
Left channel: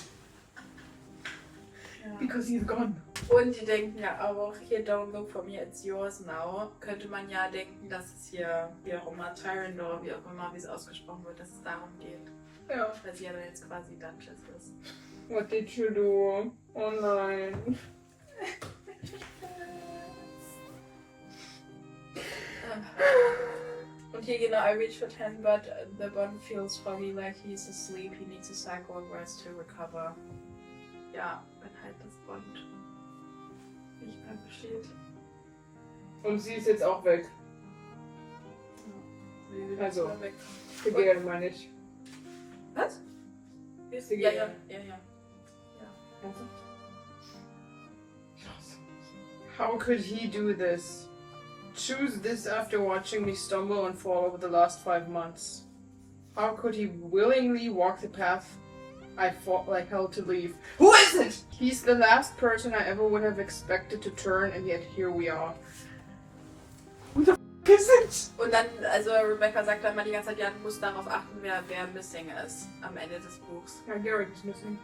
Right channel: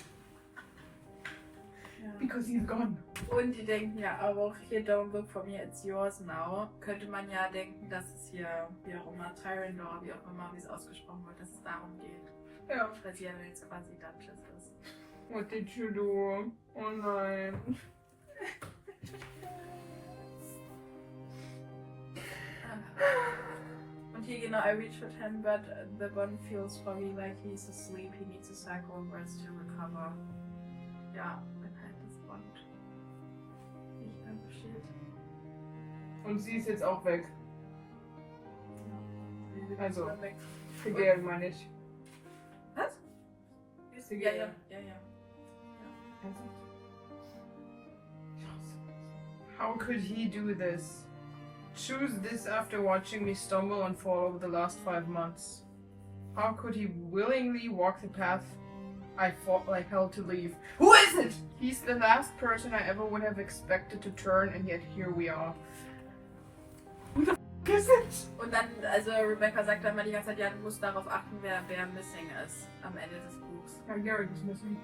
Ja. Because he's gone. Und die denken ja auch, hier Don't Look for Me, It's Yours Now. Könnte man ja denken, dass es hier, wie auch immer, Tyrandor, wie auch immer, wie es ausgesprochen wird, dass es darum geht. Ja. Weil sie ja dann jetzt quasi Duchess ist. What did you do? Oh nein. Und hier genau, I reach for 10, but the bond feels foggy, like he's asleep. He needs a cycle and rest to recover. Ja, wenn halt das Bond nicht mehr besteht. Und sie ist jetzt auch weg. Ja. Sie Also, ist weg. Vergehren meine ich. Was? Sie Ja, geht. ja. Also. How could he do this? Choose this after watching me stumble and fall over the last 5 months. How could he willingly walk the path I fought like hell to leave? Who is it? He's the last person I ever would have expected to turn, and yet here we are. Who the f is it? Und dann, also Rebecca sagt dann mal die ganze Zeit, ja, du musst darauf achten, wer missing ist am Ende des Buchs. Ja, Garrett ist missing.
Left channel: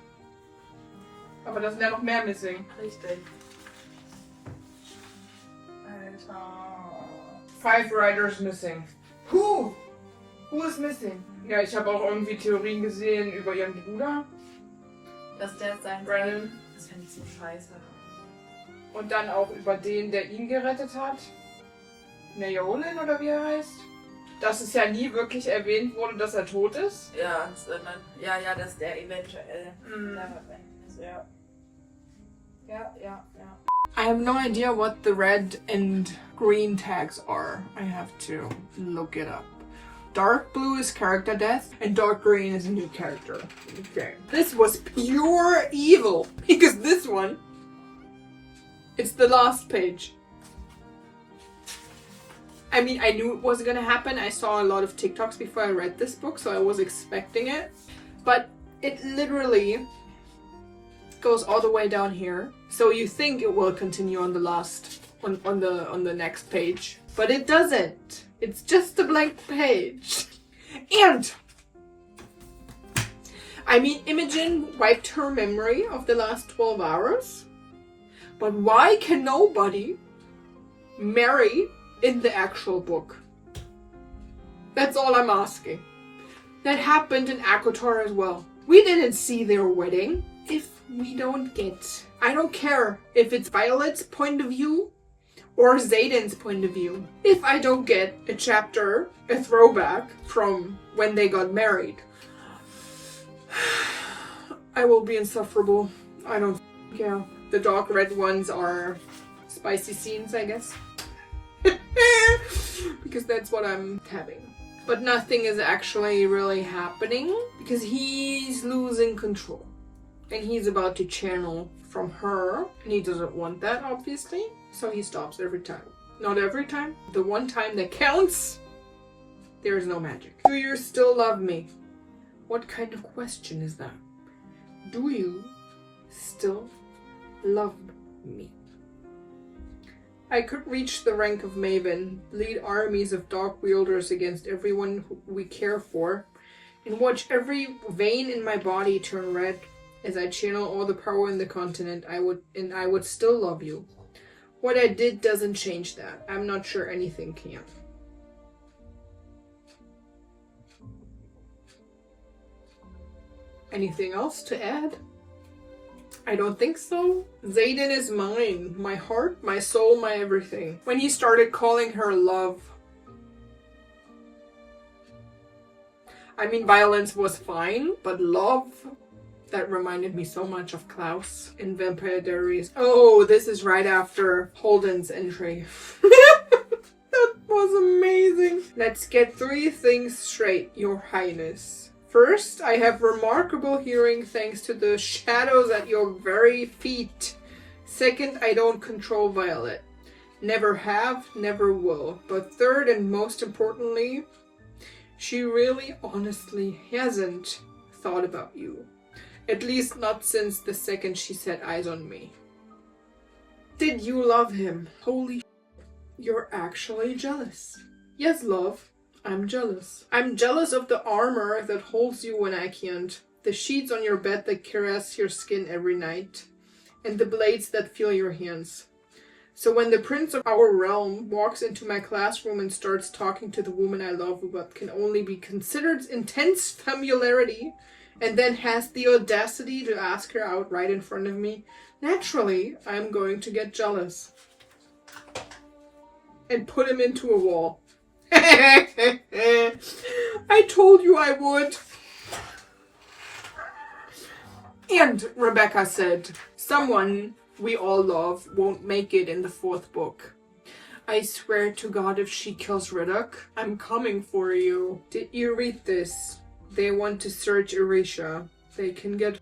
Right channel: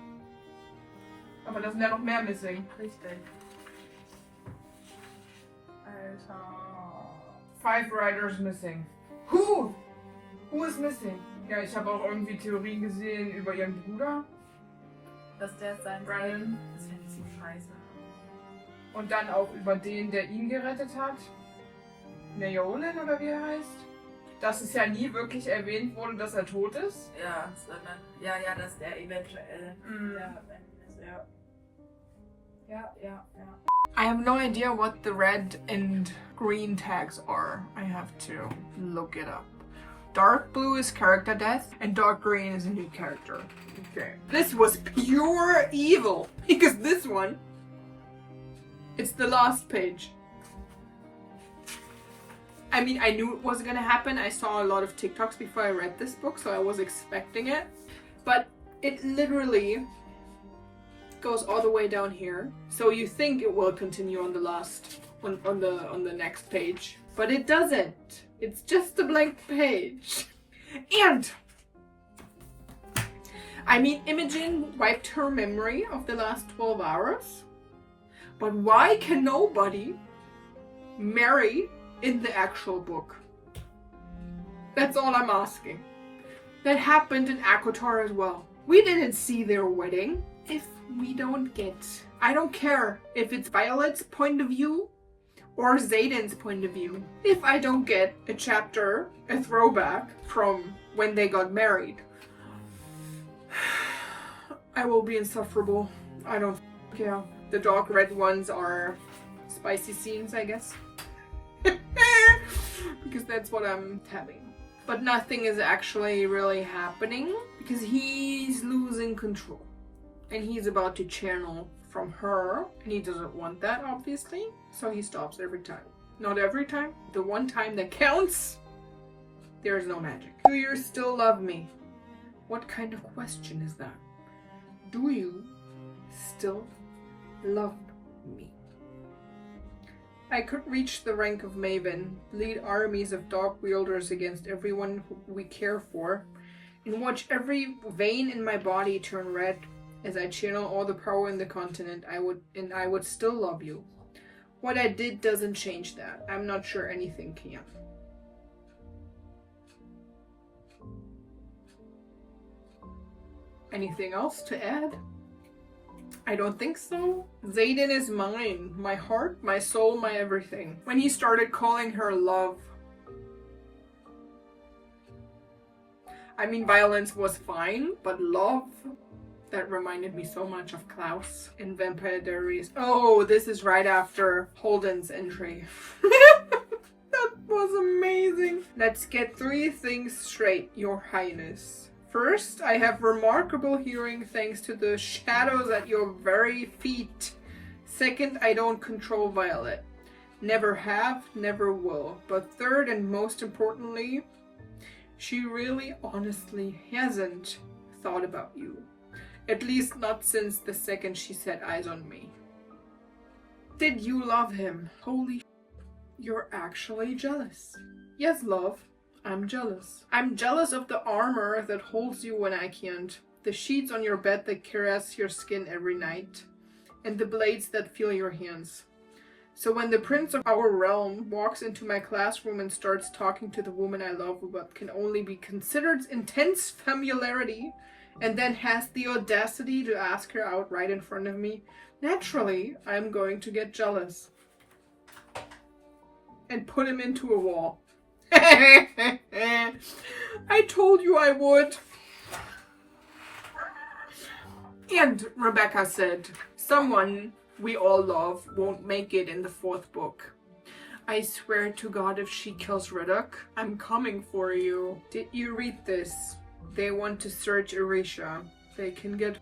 Aber da sind ja noch mehr missing. Richtig. Alter. 5 riders missing. Who? Who is missing? Ja, ich habe auch irgendwie Theorien gesehen über ihren Bruder. Dass der sein... Brennan. Das finde ich so scheiße. Und dann auch über den, der ihn gerettet hat. Naolin oder wie er heißt. Dass es ja nie wirklich erwähnt wurde, dass er tot ist. Ja, sondern... Ja, dass der eventuell... Ja. I have no idea what the red and green tags are. I have to look it up. Dark blue is character death, and dark green is a new character. Okay. This was pure evil, because this one, it's the last page. I mean, I knew it was gonna happen. I saw a lot of TikToks before I read this book, so I was expecting it. But it literally goes all the way down here. So you think it will continue on the last, on the next page. But it doesn't. It's just a blank page. And I mean, Imogen wiped her memory of the last 12 hours. But why can nobody marry in the actual book? That's all I'm asking. That happened in ACOTAR as well. We didn't see their wedding. If we don't get... I don't care if it's Violet's point of view or Zayden's point of view. If I don't get a chapter, a throwback from when they got married, I will be insufferable. I don't care. The dark red ones are spicy scenes, I guess. Because that's what I'm having. But nothing is actually really happening because he's losing control. And he's about to channel from her. And he doesn't want that, obviously. So he stops every time. Not every time. The one time that counts, there is no magic. Do you still love me? What kind of question is that? Do you still love me? I could reach the rank of Maven, lead armies of dark wielders against everyone we care for, and watch every vein in my body turn red as I channel all the power in the continent. I would still love you. What I did doesn't change that. I'm not sure anything can. Anything else to add? I don't think so. Zayden is mine. My heart, my soul, my everything. When he started calling her love. I mean, violence was fine, but love? That reminded me so much of Klaus in Vampire Diaries. Oh, this is right after Holden's entry. That was amazing. Let's get 3 things straight, Your Highness. First, I have remarkable hearing thanks to the shadows at your very feet. Second, I don't control Violet. Never have, never will. But third and most importantly, she really honestly hasn't thought about you. At least not since the second she set eyes on me. Did you love him? Holy you're actually jealous. Yes, love. I'm jealous. I'm jealous of the armor that holds you when I can't. The sheets on your bed that caress your skin every night. And the blades that feel your hands. So when the prince of our realm walks into my classroom and starts talking to the woman I love with what can only be considered intense familiarity, and then has the audacity to ask her out right in front of me, naturally, I'm going to get jealous. And put him into a wall. I told you I would. And Rebecca said, someone we all love won't make it in the 4th book. I swear to God, if she kills Riddoch, I'm coming for you. Did you read this? They want to search Erisha. They can get...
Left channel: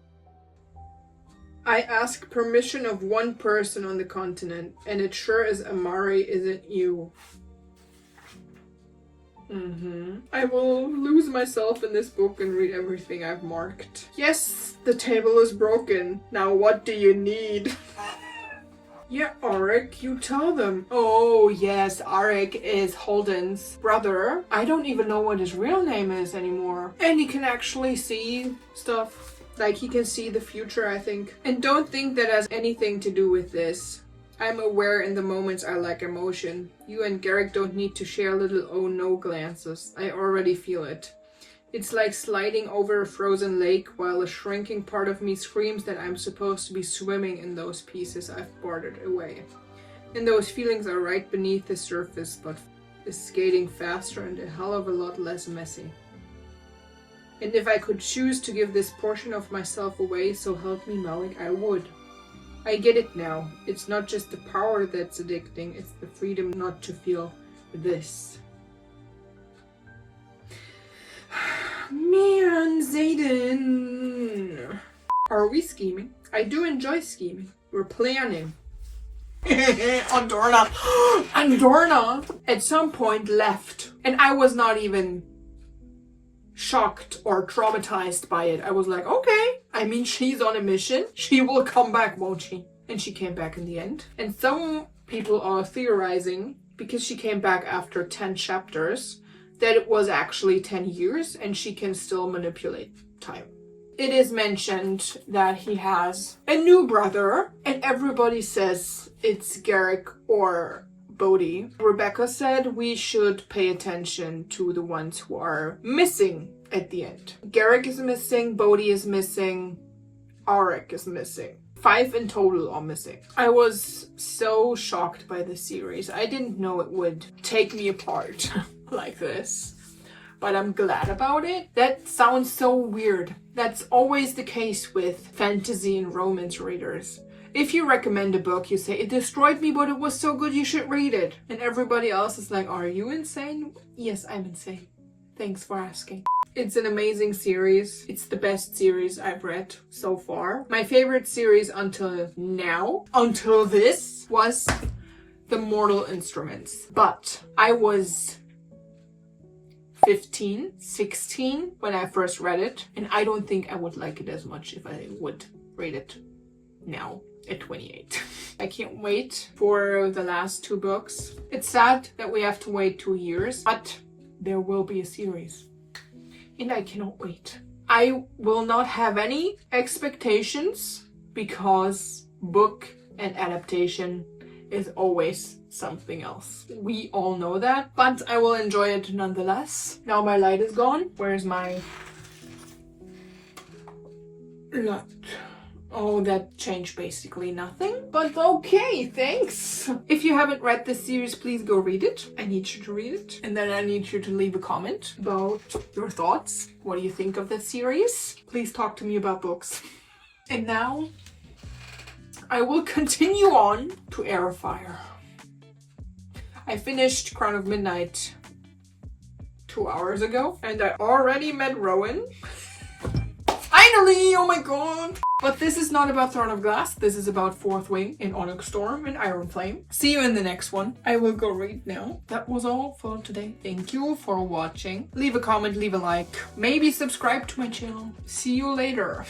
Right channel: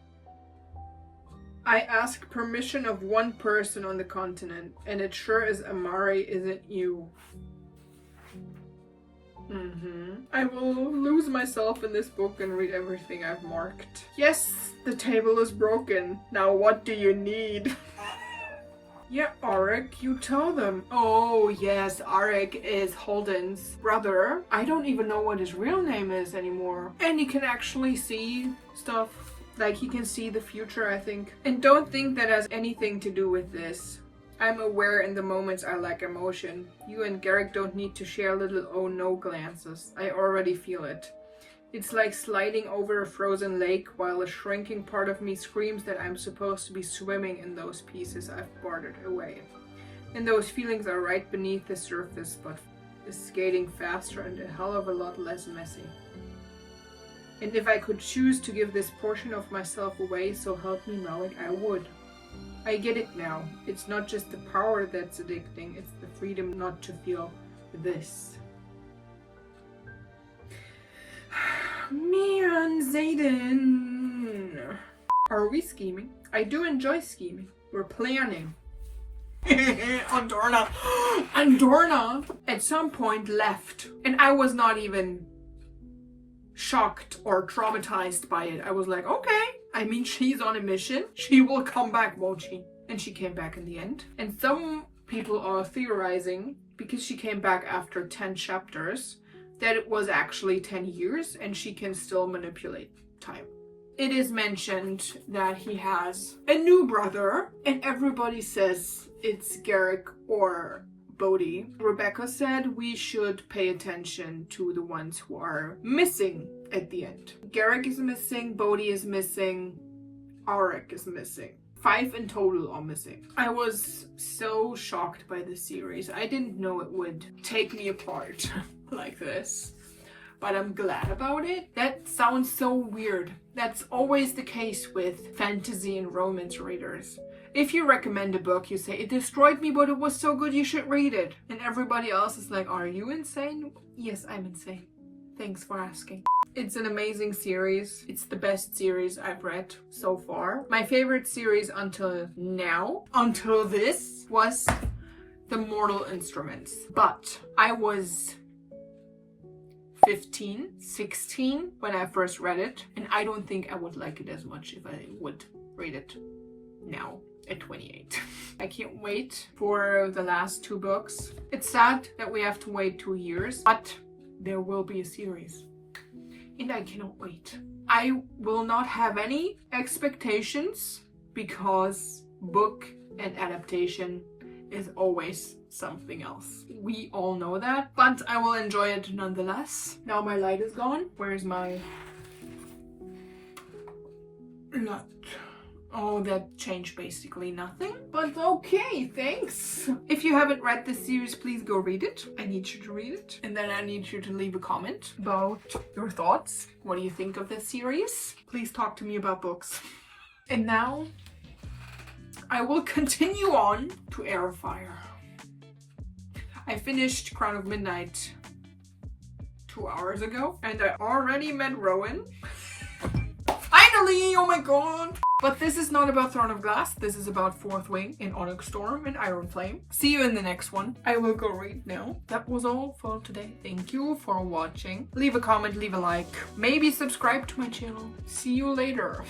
I ask permission of one person on the continent, and it sure as Amari isn't you. I will lose myself in this book and read everything I've marked. Yes, the table is broken. Now what do you need? Yeah, Arik, you tell them. Oh yes, Arik is Holden's brother. I don't even know what his real name is anymore. And he can actually see stuff. Like he can see the future, I think. And don't think that has anything to do with this. I'm aware in the moments I lack emotion. You and Garrick don't need to share little oh no glances. I already feel it. It's like sliding over a frozen lake while a shrinking part of me screams that I'm supposed to be swimming in those pieces I've bartered away. And those feelings are right beneath the surface, but is skating faster and a hell of a lot less messy. And if I could choose to give this portion of myself away, so help me Malik, I would. I get it now. It's not just the power that's addicting, it's the freedom not to feel this. Man, Zayden. Are we scheming? I do enjoy scheming. We're planning. Andorna. Andorna at some point left. And I was not even shocked or traumatized by it. I was like, okay. I mean, she's on a mission. She will come back, won't she? And she came back in the end. And some people are theorizing, because she came back after 10 chapters, that it was actually 10 years and she can still manipulate time. It is mentioned that he has a new brother and everybody says it's Garrick or Bodhi. Rebecca said we should pay attention to the ones who are missing at the end. Garrick is missing, Bodhi is missing, Arik is missing. 5 in total are missing. I was so shocked by this series. I didn't know it would take me apart like this. But I'm glad about it. That sounds so weird. That's always the case with fantasy and romance readers. If you recommend a book, you say, it destroyed me, but it was so good you should read it. And everybody else is like, are you insane? Yes, I'm insane. Thanks for asking. It's an amazing series. It's the best series I've read so far. My favorite series until now, until this, was The Mortal Instruments. But I was 15, 16 when I first read it, and I don't think I would like it as much if I would read it now at 28. I can't wait for the last 2 books. It's sad that we have to wait 2 years, but there will be a series. And I cannot wait. I will not have any expectations because book and adaptation is always something else. We all know that, but I will enjoy it nonetheless. Now my light is gone. Where's my light? Oh, that changed basically nothing, but okay, thanks. If you haven't read this series, please go read it. I need you to read it. And then I need you to leave a comment about your thoughts. What do you think of this series? Please talk to me about books. And now I will continue on to Air of Fire. I finished Crown of Midnight 2 hours ago, and I already met Rowan. Finally! Oh my god! But this is not about Throne of Glass. This is about Fourth Wing in Onyx Storm and Iron Flame. See you in the next one. I will go read now. That was all for today. Thank you for watching. Leave a comment, leave a like. Maybe subscribe to my channel. See you later.